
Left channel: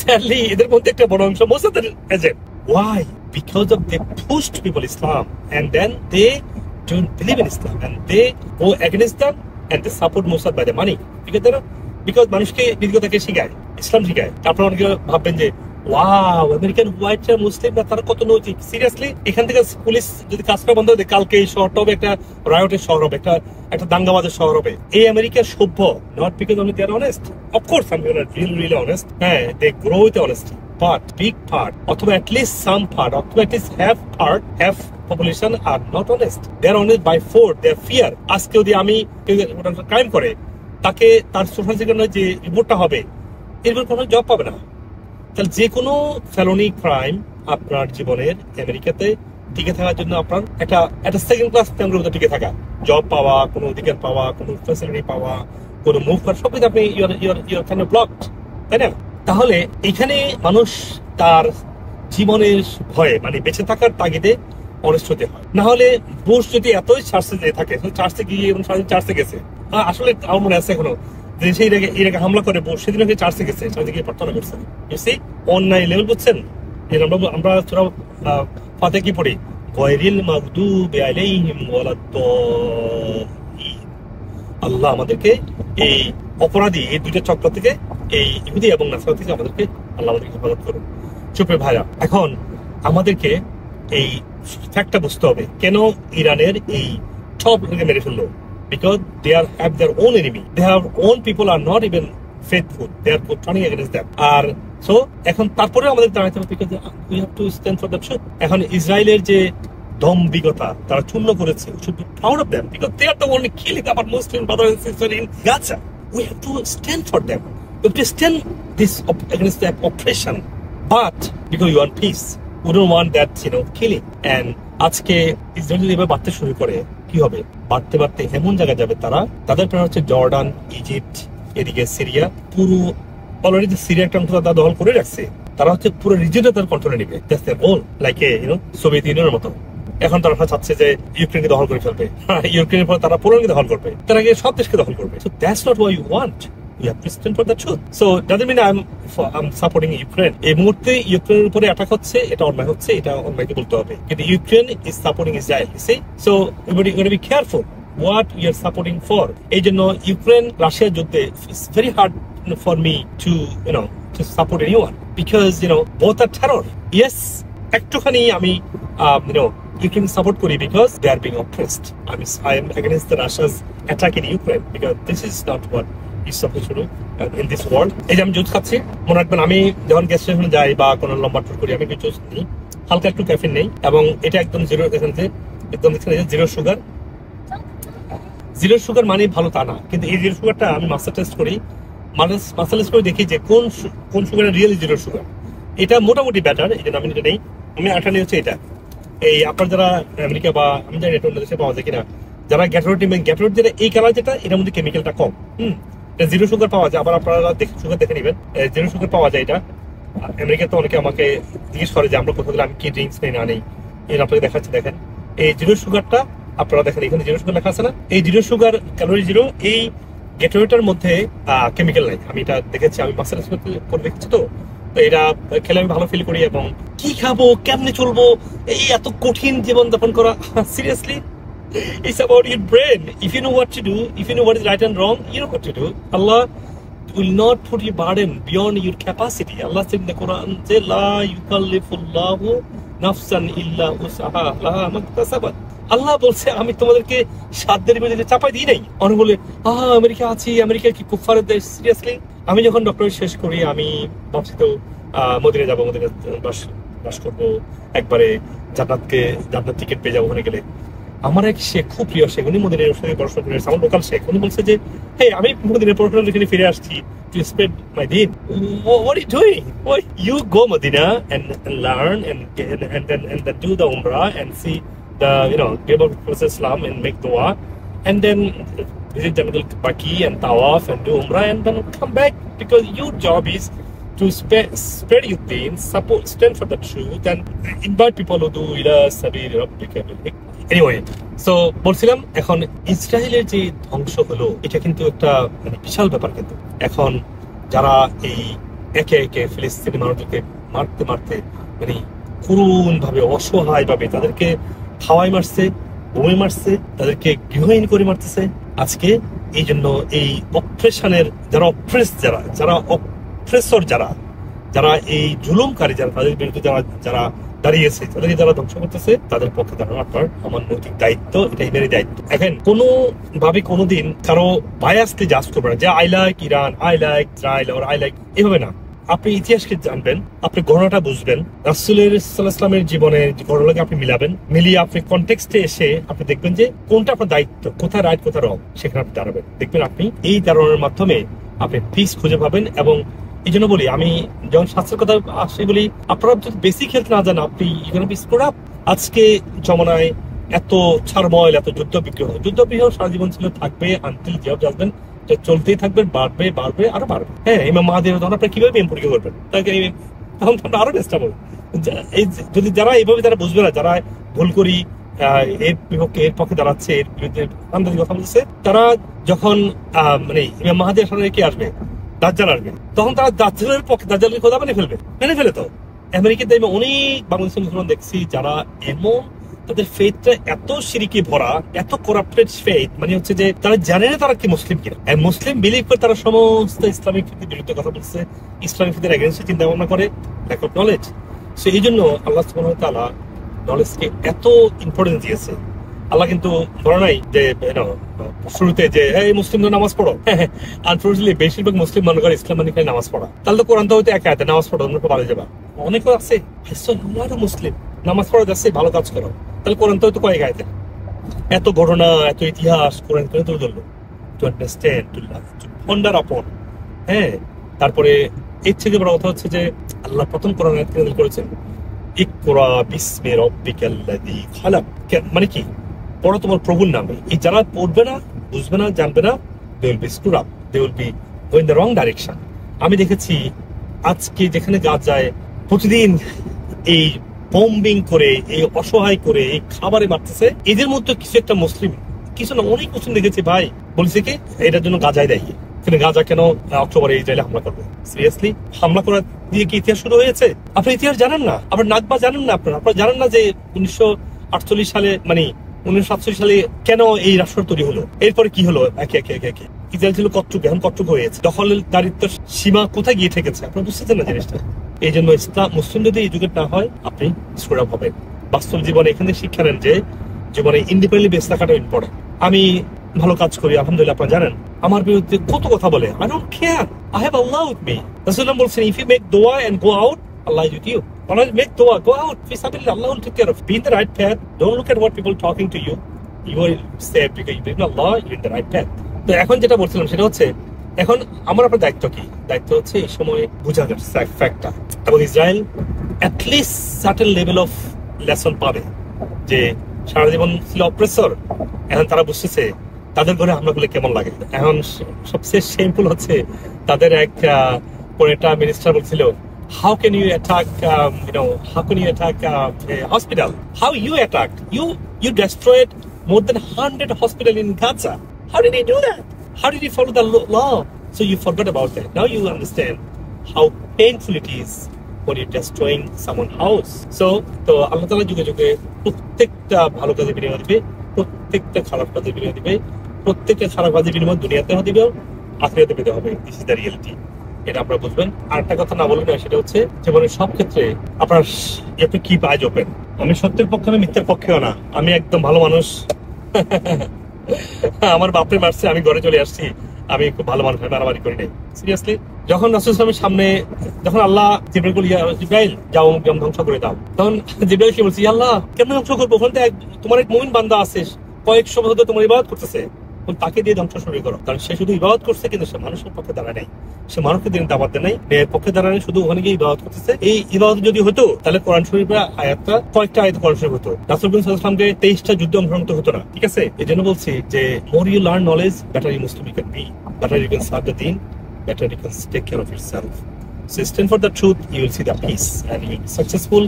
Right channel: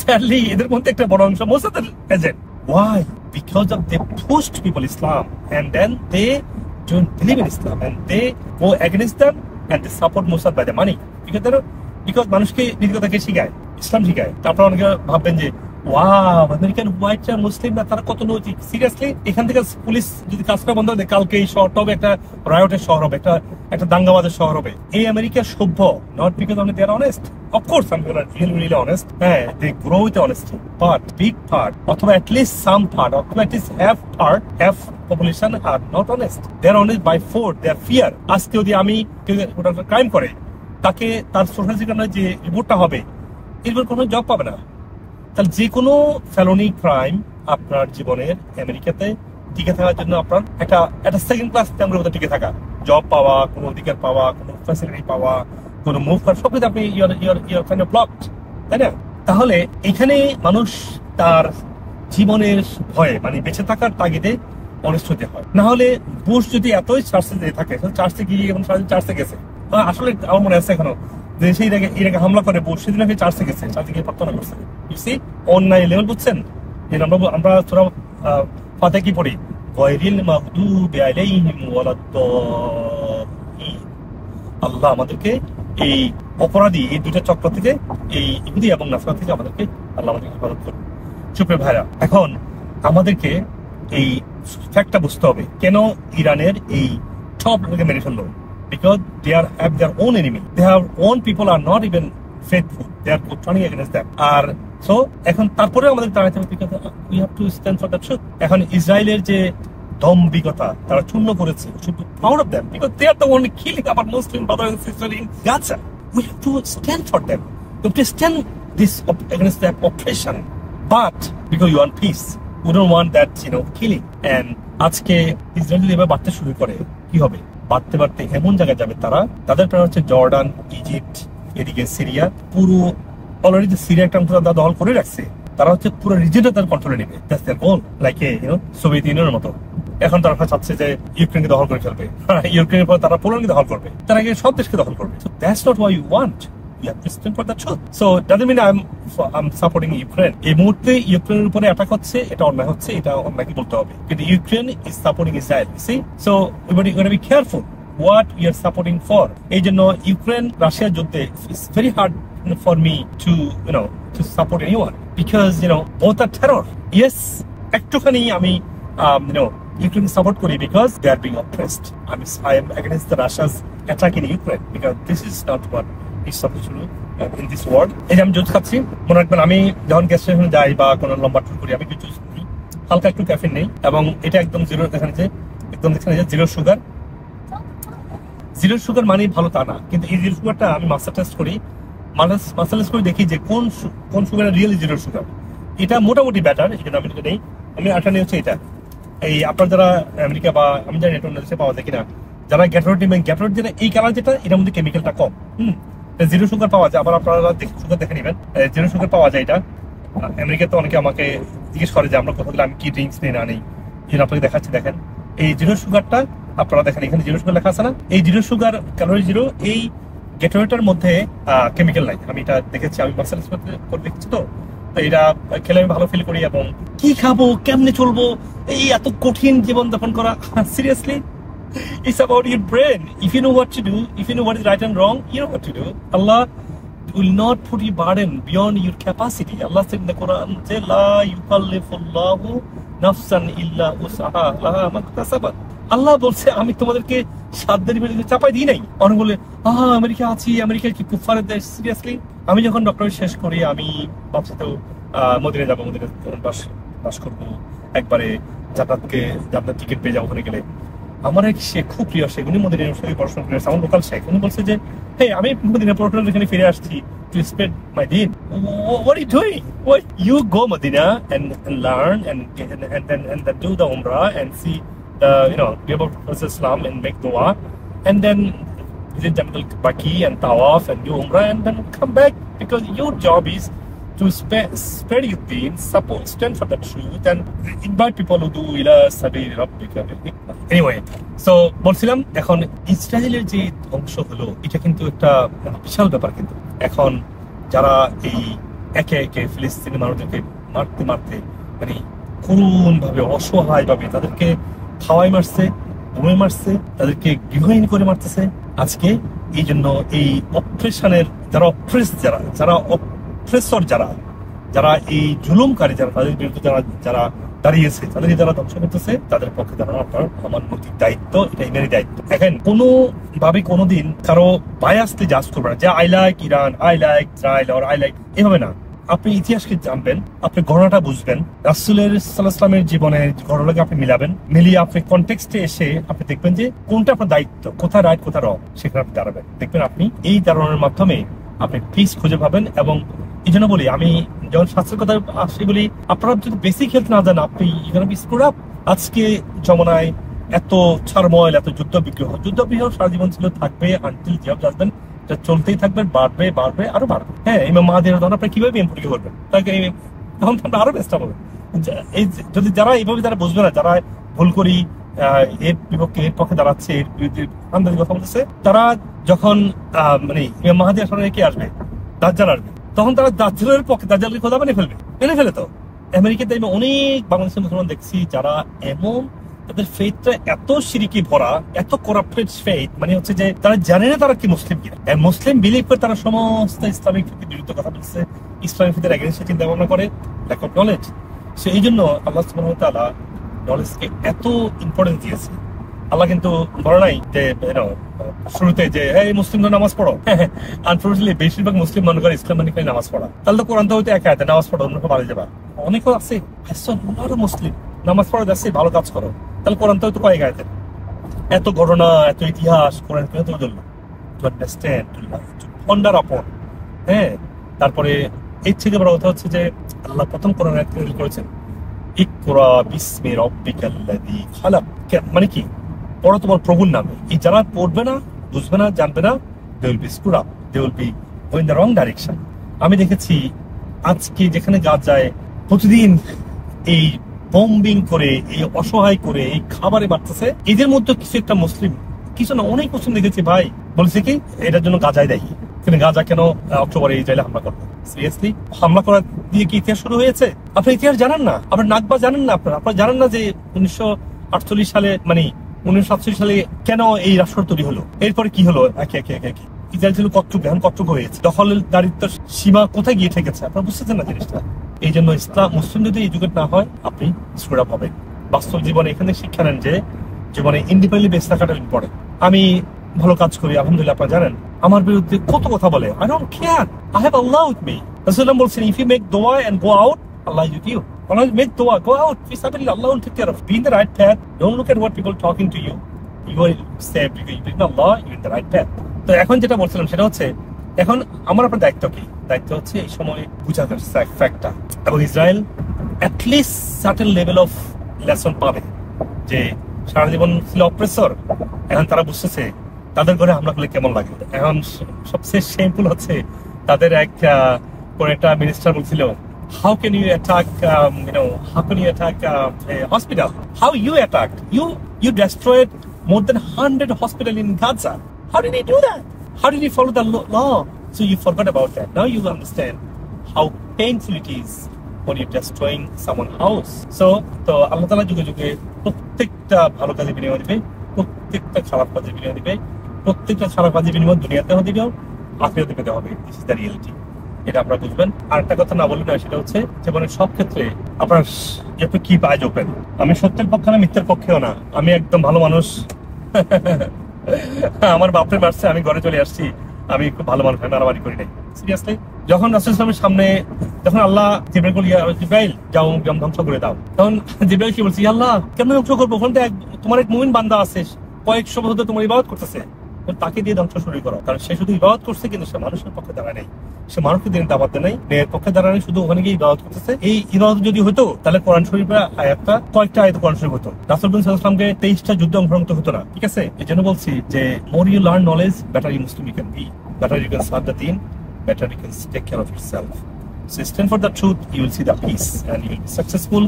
Sadly, এদের মধ্যে একটা বড় অংশ মোসাদের agent. Why? Because of they pushed people Islam and then they don't believe in Islam and they go against them and they support Mossad by the money. Because মানুষকে নিগ্রতাকে শিখায়, ইসলাম শিখায়। তারপর অনেকে ভাববেন যে ওয়াও, আমেরিকান হোয়াইটরা মুসলিমরা তারা কত নৈতিক। সিরিয়াসলি, এখান থেকে পুলিশ যদি কাজ করা বন্ধ করে দেয়, কালকে এই শহরটা হবে একটা রায়টের শহর হবে, একটা দাঙ্গাবাজের শহর হবে। এই আমেরিকা সভ্য, not because only they are honest, of course I am really honest, হ্যাঁ they grow with honesty, but big part অথবা অ্যাটলিস্ট সাম পার্ট অথবা at least have population are not honest. They are honest by force, they are fear. আজকে যদি আমি crime করে, তাকে তার social সেক্টরে যে রিপোর্টটা হবে, এরপর কোনো জব পাবে না। তাহলে যে কোনো ফেলোনি ক্রাইম আপনার জীবনের আমেরিকাতে টিকে থাকার জন্য আপনার একটা সেকেন্ড ক্লাস ফ্যামিলির মধ্যে টিকে থাকা, জব পাওয়া, কোনো অধিকার পাওয়া, কোনো ফ্যাসিলিটি পাওয়া, কোনো মুভ করা, সবকিছু আপনি ইউর কাইন্ড অফ ব্লকড, তাই না? তাহলে এখানে মানুষ তার জীবনের ভয়ে, মানে বেঁচে থাকার তাগিদে অনেস্ট হতে হয়। না হলে বুশ যদি এতই চার্চে যেয়ে থাকে, চার্চে গিয়ে এবং সারাদিন চার্চে গেছে, আসলে আমার মনে আছে এখনো সেই এটাকে হামলা করে বসে সেদিন চার্চে গেছে, চার্চে গিয়ে প্রার্থনা করছে। অন্যায় লেভেল বুঝছেন? আমরা সূরা ফাতিহা কি পড়ি? গায়রিল মাগদুবি আলাইহিম ওয়ালাদ-দাল্লিন। আল্লাহ আমাদেরকে এই অপরাধী, এই দুইটা চক্র থেকে, এই ইহুদি এবং নাসরা থেকে আমাদেরকে আল্লাহ আমাদেরকে হেফাজত করুন। চুপে ভাইরা, এখন আমাদেরকে এই ফ্যাক্টটা বুঝতে হবে, কেন ইরানের এই সব লোককে মেরে ফেললো। Because they have their own enemy. Their own people are not even faithful. They are turning against them. R so এখন তারপরে আমাদের দাঁড়াতে হবে, because we have to stand for the truth. এখন ইসরায়েলের যে দম্ভিকতা তারা চূর্ণ করেছে, we should be proud of them because they are the one killing our Muslim brothers and sisters in Gaza. We have to stand for them. We have to stand against their oppression. But because you want peace, we don't want that, killing. And আজকে Israel যদি এবার বাড়তে শুরু করে, কি হবে? বাড়তে বাড়তে এমন জায়গায় যাবে তারা, তাদের প্ল্যান হচ্ছে জর্ডান, ইজিপ্ট, এদিকে সিরিয়া, পুরো অলরেডি সিরিয়া একটা অংশ তারা দখল করে রাখছে, তারা হচ্ছে পুরো রিজিয়নটা তার কন্ট্রোলে নেবে। That's their goal, like Soviet ইউনিয়নের মতো। এখন তারা চাচ্ছে যে ইউক্রেনকে দখল করে ফেলবে, ইউক্রেনের পর তারা পোল্যান্ডকে দখল করবে, তারা গিয়ে সব দেশকে দখল করবে। So that's not what you want. You have to stand for the truth. So doesn't mean I'm supporting Ukraine. এই মুহূর্তে ইউক্রেনের উপরে অ্যাটাক হচ্ছে, এটা অন্যায় হচ্ছে, এটা অন্যায়কে বলতে হবে। কিন্তু Ukraine is supporting Israel. You see? So everybody gotta be careful what we are supporting for. এই জন্য ইউক্রেন রাশিয়া যুদ্ধে it's very hard for me to support anyone because both are terror. Yes, একটুখানি আমি Ukraine support করি because they are being oppressed. I am against the Russia's attack in Ukraine because this is not what is supposed to do in this world. এই যে আমি juice খাচ্ছি, মনে রাখবেন আমি যখন গ্যাস স্টেশনে যাই বা কোনো লম্বা ট্যুর করি, আমি জুস নিই, হালকা একটু ক্যাফিন নেই, এবং এটা একদম জিরো, দেখেন যে জিরো সুগার। জিরো সুগার মানে ভালো তা না, কিন্তু এই জিরো সুগারটা আমি মাস্টার টেস্ট করি, মাস্টার টেস্ট করে দেখি যে কোন সুগারের রিয়েল জিরো সুগার। এটা মোটামুটি ব্যাটার, এই জন্য আমি এটা নেই। আমি আটা নিয়ে হচ্ছে এটা। এই আপনার যারা আমেরিকা বা আমি জানি এটা অন্য দেশে পাওয়া যায় কিনা, যারা গ্যাটোরেট নেবেন, গ্যাটোরেট যেটা এই কালার যেটা, এটার মধ্যে কেমিক্যালটা কম। জিরো সুগার পাওয়া যায়, আবার আপনারা সুগার দেখে নেবেন, জিরো সুগার পাওয়া যায়। এটা আমেরিকাতে অনেকে আমাকে জিজ্ঞেস করে যে আমরা কোথাও গেলে আমি কি ড্রিঙ্কস নেই না নেই, এই আপনাকে দেখাচ্ছি। দেখেন এই জিরো সুগারটা আপনারা দেখেন, এখানে জিরো সুগার লেখা আছে না, এই জিরো সুগার ক্যালোরি জিরো, এই গ্যাটোরেটার মধ্যে কেমিক্যাল নাই। আমি এটা দেখেছি, আমি মাসাজ করে দেখছি, তো এটা খেলে আমি ভালো ফিল করি। এবং কি খাবো, কেমনে চলবো, এই এত কঠিন জীবন যাপন করা, seriously it's about your brain. If you know what to do, if you know what is right and wrong, you know what to do. Allah will not put you burden beyond your capacity. Allah said in the Quran, la yukallifullahu nafsan illa wus'aha laha maktasabat. আল্লাহ বলছে আমি তোমাদেরকে সাধ্যের বিরুদ্ধে চাপাই দিই নাই। অনেক বলে America আছি, আমেরিকা কি কুফারের দেশ। সিরিয়াসলি, আমি যখন ডক্টরেট শেষ করি আমি ভাবছি তো মদিনা যাবো, মদিনা বাস করবো, একবারে জান্নাত টিকিট পেয়ে যাবো ওখানে গেলে। আমার এক শেখ, খুব প্রিয় শেখ, উনি মদিনার সঙ্গে পড়াশোনা করে আসছে, আমার লোকাল শেখ। উনি বলছে যে হে, আমি মদিনার পড়াশোনা এখানে ফিরে আসছি to spread my deen. What are you doing? Why you go Medina and learn and then do the Umrah and see the give up Prophet Islam and make dua, and then visit Jannah Baqi and Tawaf and do Umrah and then come back, because your job is to spread your deen, stand for the truth, and invite people who do ila sabili rabbika bil hikmah. Anyway, so বলছিলাম এখন ইসরায়েলের যে ধ্বংস হলো, এটা কিন্তু একটা বিশাল ব্যাপার। কিন্তু এখন যারা এই একে একে ফিলিস্তিনি মানুষদেরকে মারতে মারতে করুণ ভাবে, অসহায় ভাবে তাদেরকে খাওয়াই মারছে, বোমে মারছে, তাদেরকে গৃহহীন করে মারতেছে। আজকে এই জন্য এই অপ্রেশনের যারা অপ্রেসর, যারা যারা এই জুলুমকারী, যারা তাদের বিরুদ্ধে যারা দাঁড়িয়েছে, তাদেরকে যারা ধ্বংস করতেছে, তাদের পক্ষে দাঁড়ানো আপনার আমার নৈতিক দায়িত্ব, এটা ইরানি দায়িত্ব। এখন কোনো ভাবে কোনোদিন কারো বায়াসকে জাজ করবে না যে I like Iran, I like Israel, আর আই লাইক, এভাবে না। আপনি ইতিহাসকে জানবেন, আপনি ঘটনাটা বুঝবেন, রাসূলের সাল্লাল্লাহু আলাইহি ওয়াসাল্লামের জীবনের ঘটনাকে আপনি মিলিয়ে আপনি কনটেক্সটে এসে আপনি দেখবেন যে কোনটা আপনার দায়িত্ব, কোথায় রাইট কোথায় রং, সেখানে আপনি দাঁড়াবেন। দেখবেন আপনি এই দাঁড়ানোর মাধ্যমে আপনি পিস খুঁজে পাবেন। এবং এই জন্য বলি, আমি যখন শাস্ত্রের কথা আসে বলি, আপনারা যদি বেসিক হেলথ না জানেন, আপনি স্ক্রুড আপ। আজকে জমানায় এত ছাড়ময়, এত যুদ্ধ বিগ্রহ সারা জীবন ছিল, থাকবে আনটিল জিয়াব জাজবেন, চলতেই থাকবে, বাড়বে আরো বাড়বে। হ্যাঁ, ইমাম মাহাদি তখন আপনি কিভাবে প্রেম পরীক্ষা করবেন, তখন আপনি আরো বেস্ট হবে। এই যদি যারা এইভাবে যারা বুঝবে না, যারা ভুল করি এর বিপক্ষে এর পক্ষে দাঁড়াচ্ছে, এর বিরুদ্ধে আন্দাজি কথা বলছে, তারা যখন মানে ইমাম মাহাদির সামনে কি আসবে, দাজ্জাল আসবে, তখন তারা দাজ্জালের পক্ষে, দাজ্জালকে খোদা মেনে ফেলে। তো আমেরিকাতে আমি অনেক বাংলাদেশি মুসলমান দেখছি যারা এমন, তাদের ফেথটা এত শিরকি ভরা, এত করাপ্টেড ফেথ, মানে হচ্ছে যে তারা জানে না তারা কি মুসলিম কিনা। মুসলিম বিলিভ করে তারা সমস্ত ইসলামিক ফেথের বিরুদ্ধে কথা বলছে, ইসলামিক ফেথের এগেইনস্টে চিন্তা ভাবনা করে, ল্যাক অফ নলেজ। সো এই জন্য আল্লাহ সুবহানাহু ওয়া তাআলা নলেজকে এত ইম্পর্টেন্স দিয়েছে। আল্লাহ কিন্তু বলে নাই যে শুরুতে যে এই মুসলিমরা নামাজ পড়ো। আনফর্চুনেটলি বেশিরভাগ মুসলিম মনে করে ইসলাম মানে খালি নামাজ পড়া। তাহলে তো কোরআন তো হইতে এক আয়াতে নামাজ পড়ো, অন্য ভালো যাবা। অনেকে আছে মুসলিম নামাজ পড়া যাচ্ছে, ভালো কাজ করো, তাহলে কোরআন তো হয়তো কয়েক আয়াতে। এত ঘটনা, এত ইতিহাস কোরআন কেন তুলে ধরলো? টু আন্ডারস্ট্যান্ড, টু পন্ডার আপন। হ্যাঁ, তারপরে এর থেকে বড় কথা হচ্ছে যে আল্লাহ প্রথম কোরআন আয়াত নাযিল করেছেন, ইকরা বিসমি রাব্বিকাল্লাযী খালাক। মানে কি? পড়ো তোমার প্রভুর নামে। এই যারা পড়বে না, বুঝবে না, জানবে না, they will be screwed up, they will be going the wrong direction. আমি দেখেছি আজকে যেখানে যায় প্রতিদিন এই বম্বিং করে, এই অসহায় করে, এই খাবারে মারতেছে, এদের মধ্যে কিছু একটা মুসলিম, কিছু না অনেক মুসলিম দেখেছি ভাই, বলছে কি এটার জন্য গাজায় দেয়। কিন্তু গাজা কেন অক্টোবরে ইসরায়েলে হামলা করবে? সিরিয়াসলি, হামলা করা দিয়ে কি ইতিহাস শুরু হয়েছে? আপনি ইতিহাস জানেন না, আপনার নাকবা জানেন না, আপনারা জানেন না যে 1948 সালে, মানে 1947 সালে কেন এই রাষ্ট্র তৈরি হলো, এরপরে কি হলো, একে ইসরায়েল ছিল কচ্ছপ, এখন কচ্ছপ হয়েছে, দখলদারিত্বের সীমা কোথায় গিয়ে ঠেকেছে, আপনারা বুঝতেছেন না জিনিসটা। এই জন্য ইসলাম মুসলিম যদি এডুকেট না হয়, আপনি স্ক্রুড আপ হবেন। বাস্তব জীবনে এখানে শিক্ষা নেন যে জীবনে ইন্ডিপেন্ডেন্টলি বেঁচে থাকাটা ইম্পর্টেন্ট। আমি ভালো কাজ করি, আলহামদুলিল্লাহ, আপনারা জানেন, আমার বিরুদ্ধে কত কথা বলে, I don't care, I have Allah with me. রাসূলুল্লাহ বলছেন, if you make dua and go out, Allah is with you. Make dua, go out, fi sabilillah, Allah will take care of you. Be in the right path, don't look at what people talking to you. You are saved because you believe in Allah, you're in the right path. তো এখন যেটা বলছিলাম সেটা হচ্ছে, এখন আমার আপনার দায়িত্ব কি? দায়িত্ব হচ্ছে এই সময় বুঝা যাচ্ছে ফ্যাক্টটা, এবং Israel at least certain level of lesson পাবে যে সারা জীবন ছিল অপ্রেসর, এখন তারা বুঝতেছে তাদের ঘরে হামলা করলে কেমন লাগে। এখন সবচেয়ে শেমফুল হচ্ছে তাদের একটা মিনিস্টার বলছিল, how can you attack a hospital? How you attacked? You destroyed more than 100 hospitals in Gaza. How did he do that? How did he follow the law? So you forgot about that. Now you understand how painful it is when you're destroying someone's house. So Allah Ta'ala যুগে যুগে প্রত্যেকটা ভালো কাজের বিনিময় দিবে, প্রত্যেকটা খারাপ কাজের বিনিময় দিবে, প্রত্যেকটা খারাপ কাজের বিনিময় দুনিয়াতে দিবে, আখিরাতে পেতে হবে। দিস ইজ দ্য রিয়েলিটি, এটা আপনারা বুঝবেন। আর একটা কথা না বললে না, সেটা হচ্ছে জীবনের সব ক্ষেত্রে আপনার একটু কি আইজ ওপেন। আমি সত্যের পক্ষে না, মিথ্যের পক্ষেও না, আমি একদম ভালো মানুষ। আমার বাপরে মারছে, আমি ঘরে চলে আসছি, আমি খুব ভালো মানুষ, মারামারি করি নাই। সিরিয়াসলি, যখন রাসূল সাল্লাল্লাহু আলাইহি ওয়াসাল্লামের সামনে যখন আল্লাহ জিবরাইল যাও ধ্বংস করে দাও, তখন জিবরাইল কি বলছে, আল্লাহ কেন ধ্বংস করবো? ওখানে তোমার এক মুমিন বান্দা আছে, কয়েকশো বছর ধরে তোমার ইবাদত করতেছে, তাকে দিয়ে ধ্বংস শুরু করো। কারণ সে শুধু ইবাদত করছে, কিন্তু সে মানুষের পক্ষে দাঁড়ায় নাই, সে মানুষকে দিন দাবাত দেয় নাই, মেয়ের পক্ষে দাঁড়ায় নাই, শুধু ওখানে গিয়ে ইবাদত করতেছে। এই ইবাদত যদি হতো, তাহলে কোরআন শরীফের আয়াতটা কয়েকটা আয়াত কোরআন শরীফ হতো, রাসূল সাল্লাল্লাহু আলাইহি ওয়াসাল্লামকে 23টা যুদ্ধে অংশগ্রহণ হতো না। ঠিক আছে, এই জন্য বলছি যে more you learn knowledge, better you Muslim you can be, better you can serve the deen, better you can take care of yourself. So stand for the truth, you will see the peace, and you will be successful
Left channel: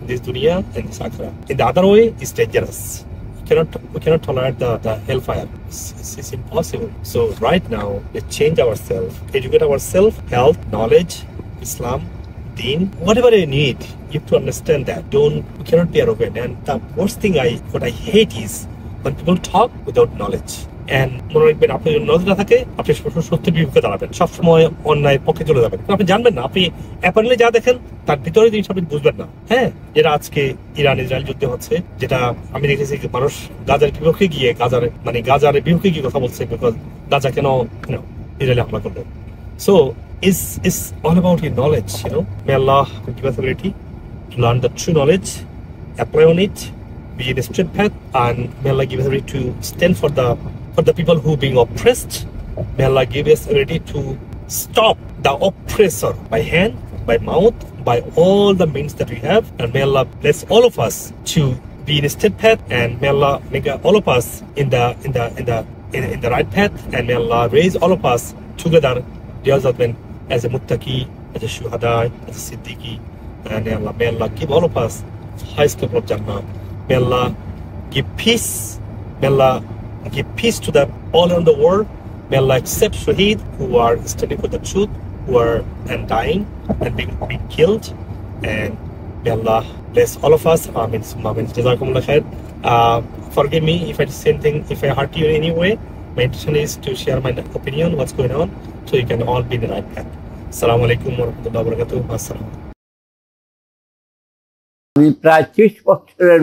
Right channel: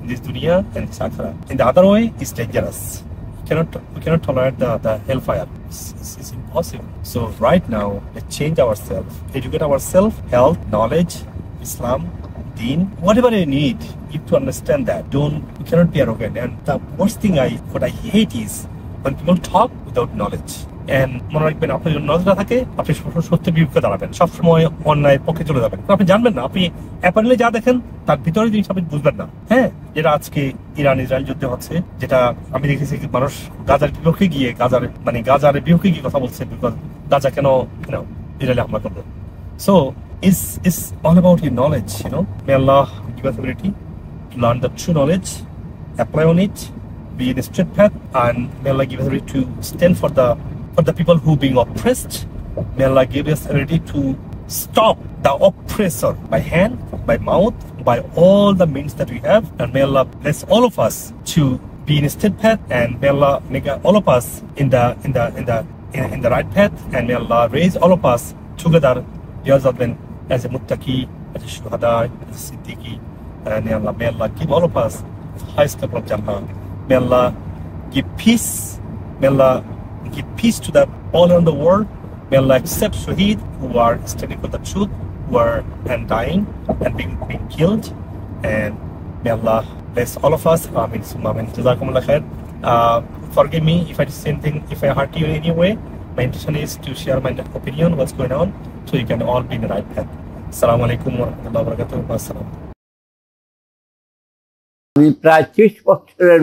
in this dunya and this akhirah. In the other way, it's dangerous. We cannot tolerate the hellfire. It's impossible. So right now, let's change ourselves, educate ourselves, health, knowledge, Islam, deen, whatever you need. You have to understand that. We cannot be arrogant. And the worst thing what I hate is when people talk without knowledge. And মনে রাখবেন, আপনার যদি নজর না থাকে আপনি সবসময় সত্যের বিপক্ষে দাঁড়াবেন, সবসময় অন্যায়ের পক্ষে চলে যাবেন। আপনি জানবেন না, আপনি অ্যাপারেন্টলি যা দেখেন তার ভিতরে জিনিস আপনি বুঝবেন না। হ্যাঁ, যেটা আজকে ইরান ইসরায়েল যুদ্ধ হচ্ছে, যেটা আমি দেখেছি মানুষ গাজার বিপক্ষে গিয়ে গাজার বিপক্ষে গিয়ে কথা বলছে, বিকজ গাজা কেন ইসরায়েলে হামলা করলো। So it's all about your knowledge, May Allah give us ability to learn the true knowledge, apply on it, be in a straight path, and may Allah give us ability to stand for the people who being oppressed. May Allah give us ability to stop the oppressor by hand, by mouth, by all the means that we have, and may Allah bless all of us to be in a straight path, and may Allah make all of us in the right path, and may Allah raise all of us together as a muttaqi, as a shuhada, as a siddiqui, and may Allah give all of us highest level of Jannah. May Allah give peace. May Allah give peace to them all around the world. May Allah accept shaheed who are standing for the truth, who are and dying and being killed, and may Allah bless all of us. Amin. Amin. Jazakumullah khair. Forgive me if I say anything, if I hurt you in any way. My intention is to share my opinion, what's going on, so you can all be in the right path. Assalamu alaikum wa rahmatullahi wa barakatuh. Assalam. আমি প্রায় 30 বছরের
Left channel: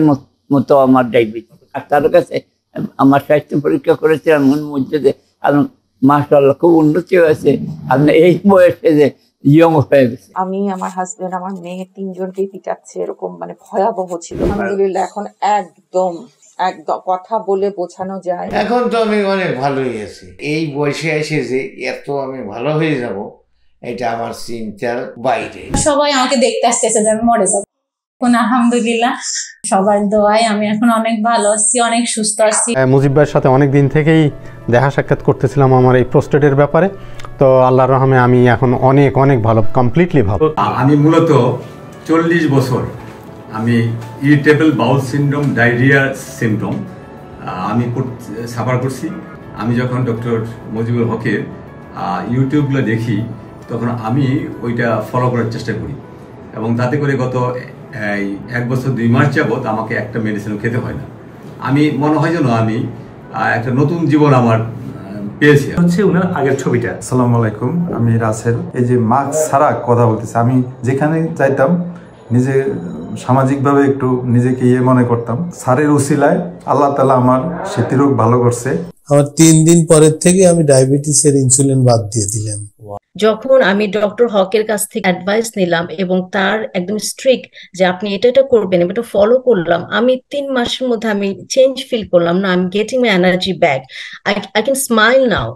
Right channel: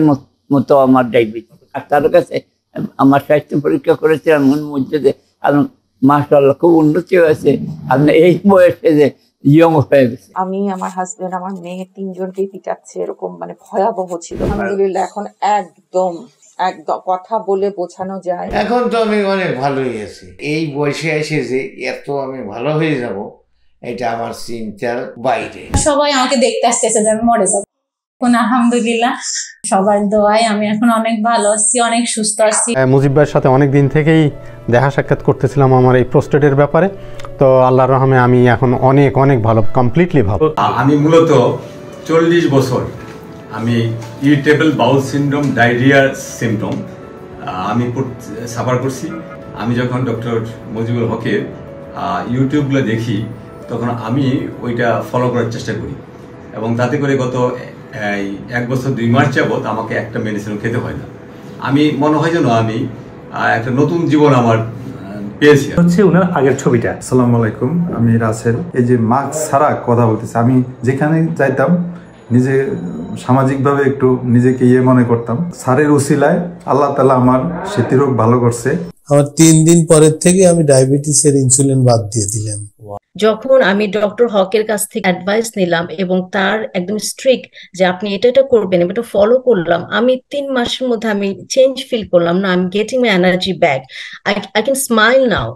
মতো আমার diabetes, তার কাছে আমার স্বাস্থ্য পরীক্ষা করেছিলাম মধ্যে যে মাশাআল্লাহ খুব উন্নতি হয়েছে। আপনি এই বয়সে যে ইয়ং হয়ে গেছে। আমি, আমার হাজবেন্ড, আমার মেয়ে 3 জনকেই পিটাচ্ছে, এরকম ভয়াবহ ছিল। আলহামদুলিল্লাহ এখন একদম কথা বলে বোঝানো যায়। এখন তো আমি অনেক ভালোই আছি। এই বয়সে এসে যে এত আমি ভালো হয়ে যাব, এটা আমার চিন্তার বাইরে। সবাই আমাকে দেখতে আসতেছে যে আমি মরে যাব। এখন আলহামদুলিল্লাহ সবার দোয়ায় আমি এখন অনেক ভালো আছি, অনেক সুস্থ আছি। মুজিব ভাইয়ের সাথে অনেক দিন থেকেই দেখা সাক্ষাৎ করতেছিলাম আমার এই প্রোস্টেটের ব্যাপারে। তো আল্লাহর রহমে আমি এখন অনেক অনেক ভালো, কমপ্লিটলি ভালো। আমি মূলত 40 বছর আমি irritable bowel syndrome, diarrhoea symptom আমি সাফার করছি। আমি যখন ডক্টর মুজিবুল হকের ইউটিউবগুলো দেখি, তখন আমি ওইটা ফলো করার চেষ্টা করি, এবং তাতে করে গত 1 বছর 2 মাস যাবত আমাকে একটা মেডিসিনও খেতে হয় না। আমি মনে হয় যেন আমি একটা নতুন জীবন আমার পেয়েছি। হচ্ছে ওনার আগের ছবিটা। আসসালামু আলাইকুম, আমি রাসেল। এই যে মাস্ক ছাড়া কথা বলতেছি, আমি যেখানে যাইতাম নিজে সামাজিকভাবে একটু নিজেকে মনে করতাম। স্যারের উসিলায় আল্লাহ তাআলা আমার স্মৃতিরোগ ভালো করছে। আমার 3 দিন পরের থেকে আমি ডায়াবেটিসের ইনসুলিন বাদ দিয়ে দিলাম। যখন আমি ডক্টর হকের কাছ থেকে অ্যাডভাইস নিলাম এবং তার একদম স্ট্রিক্ট যে আপনি এটা করবেন, এটা ফলো করলাম, আমি 3 মাসের মধ্যে আমি চেঞ্জ ফিল করলাম। না, I am getting my energy back, I can smile now.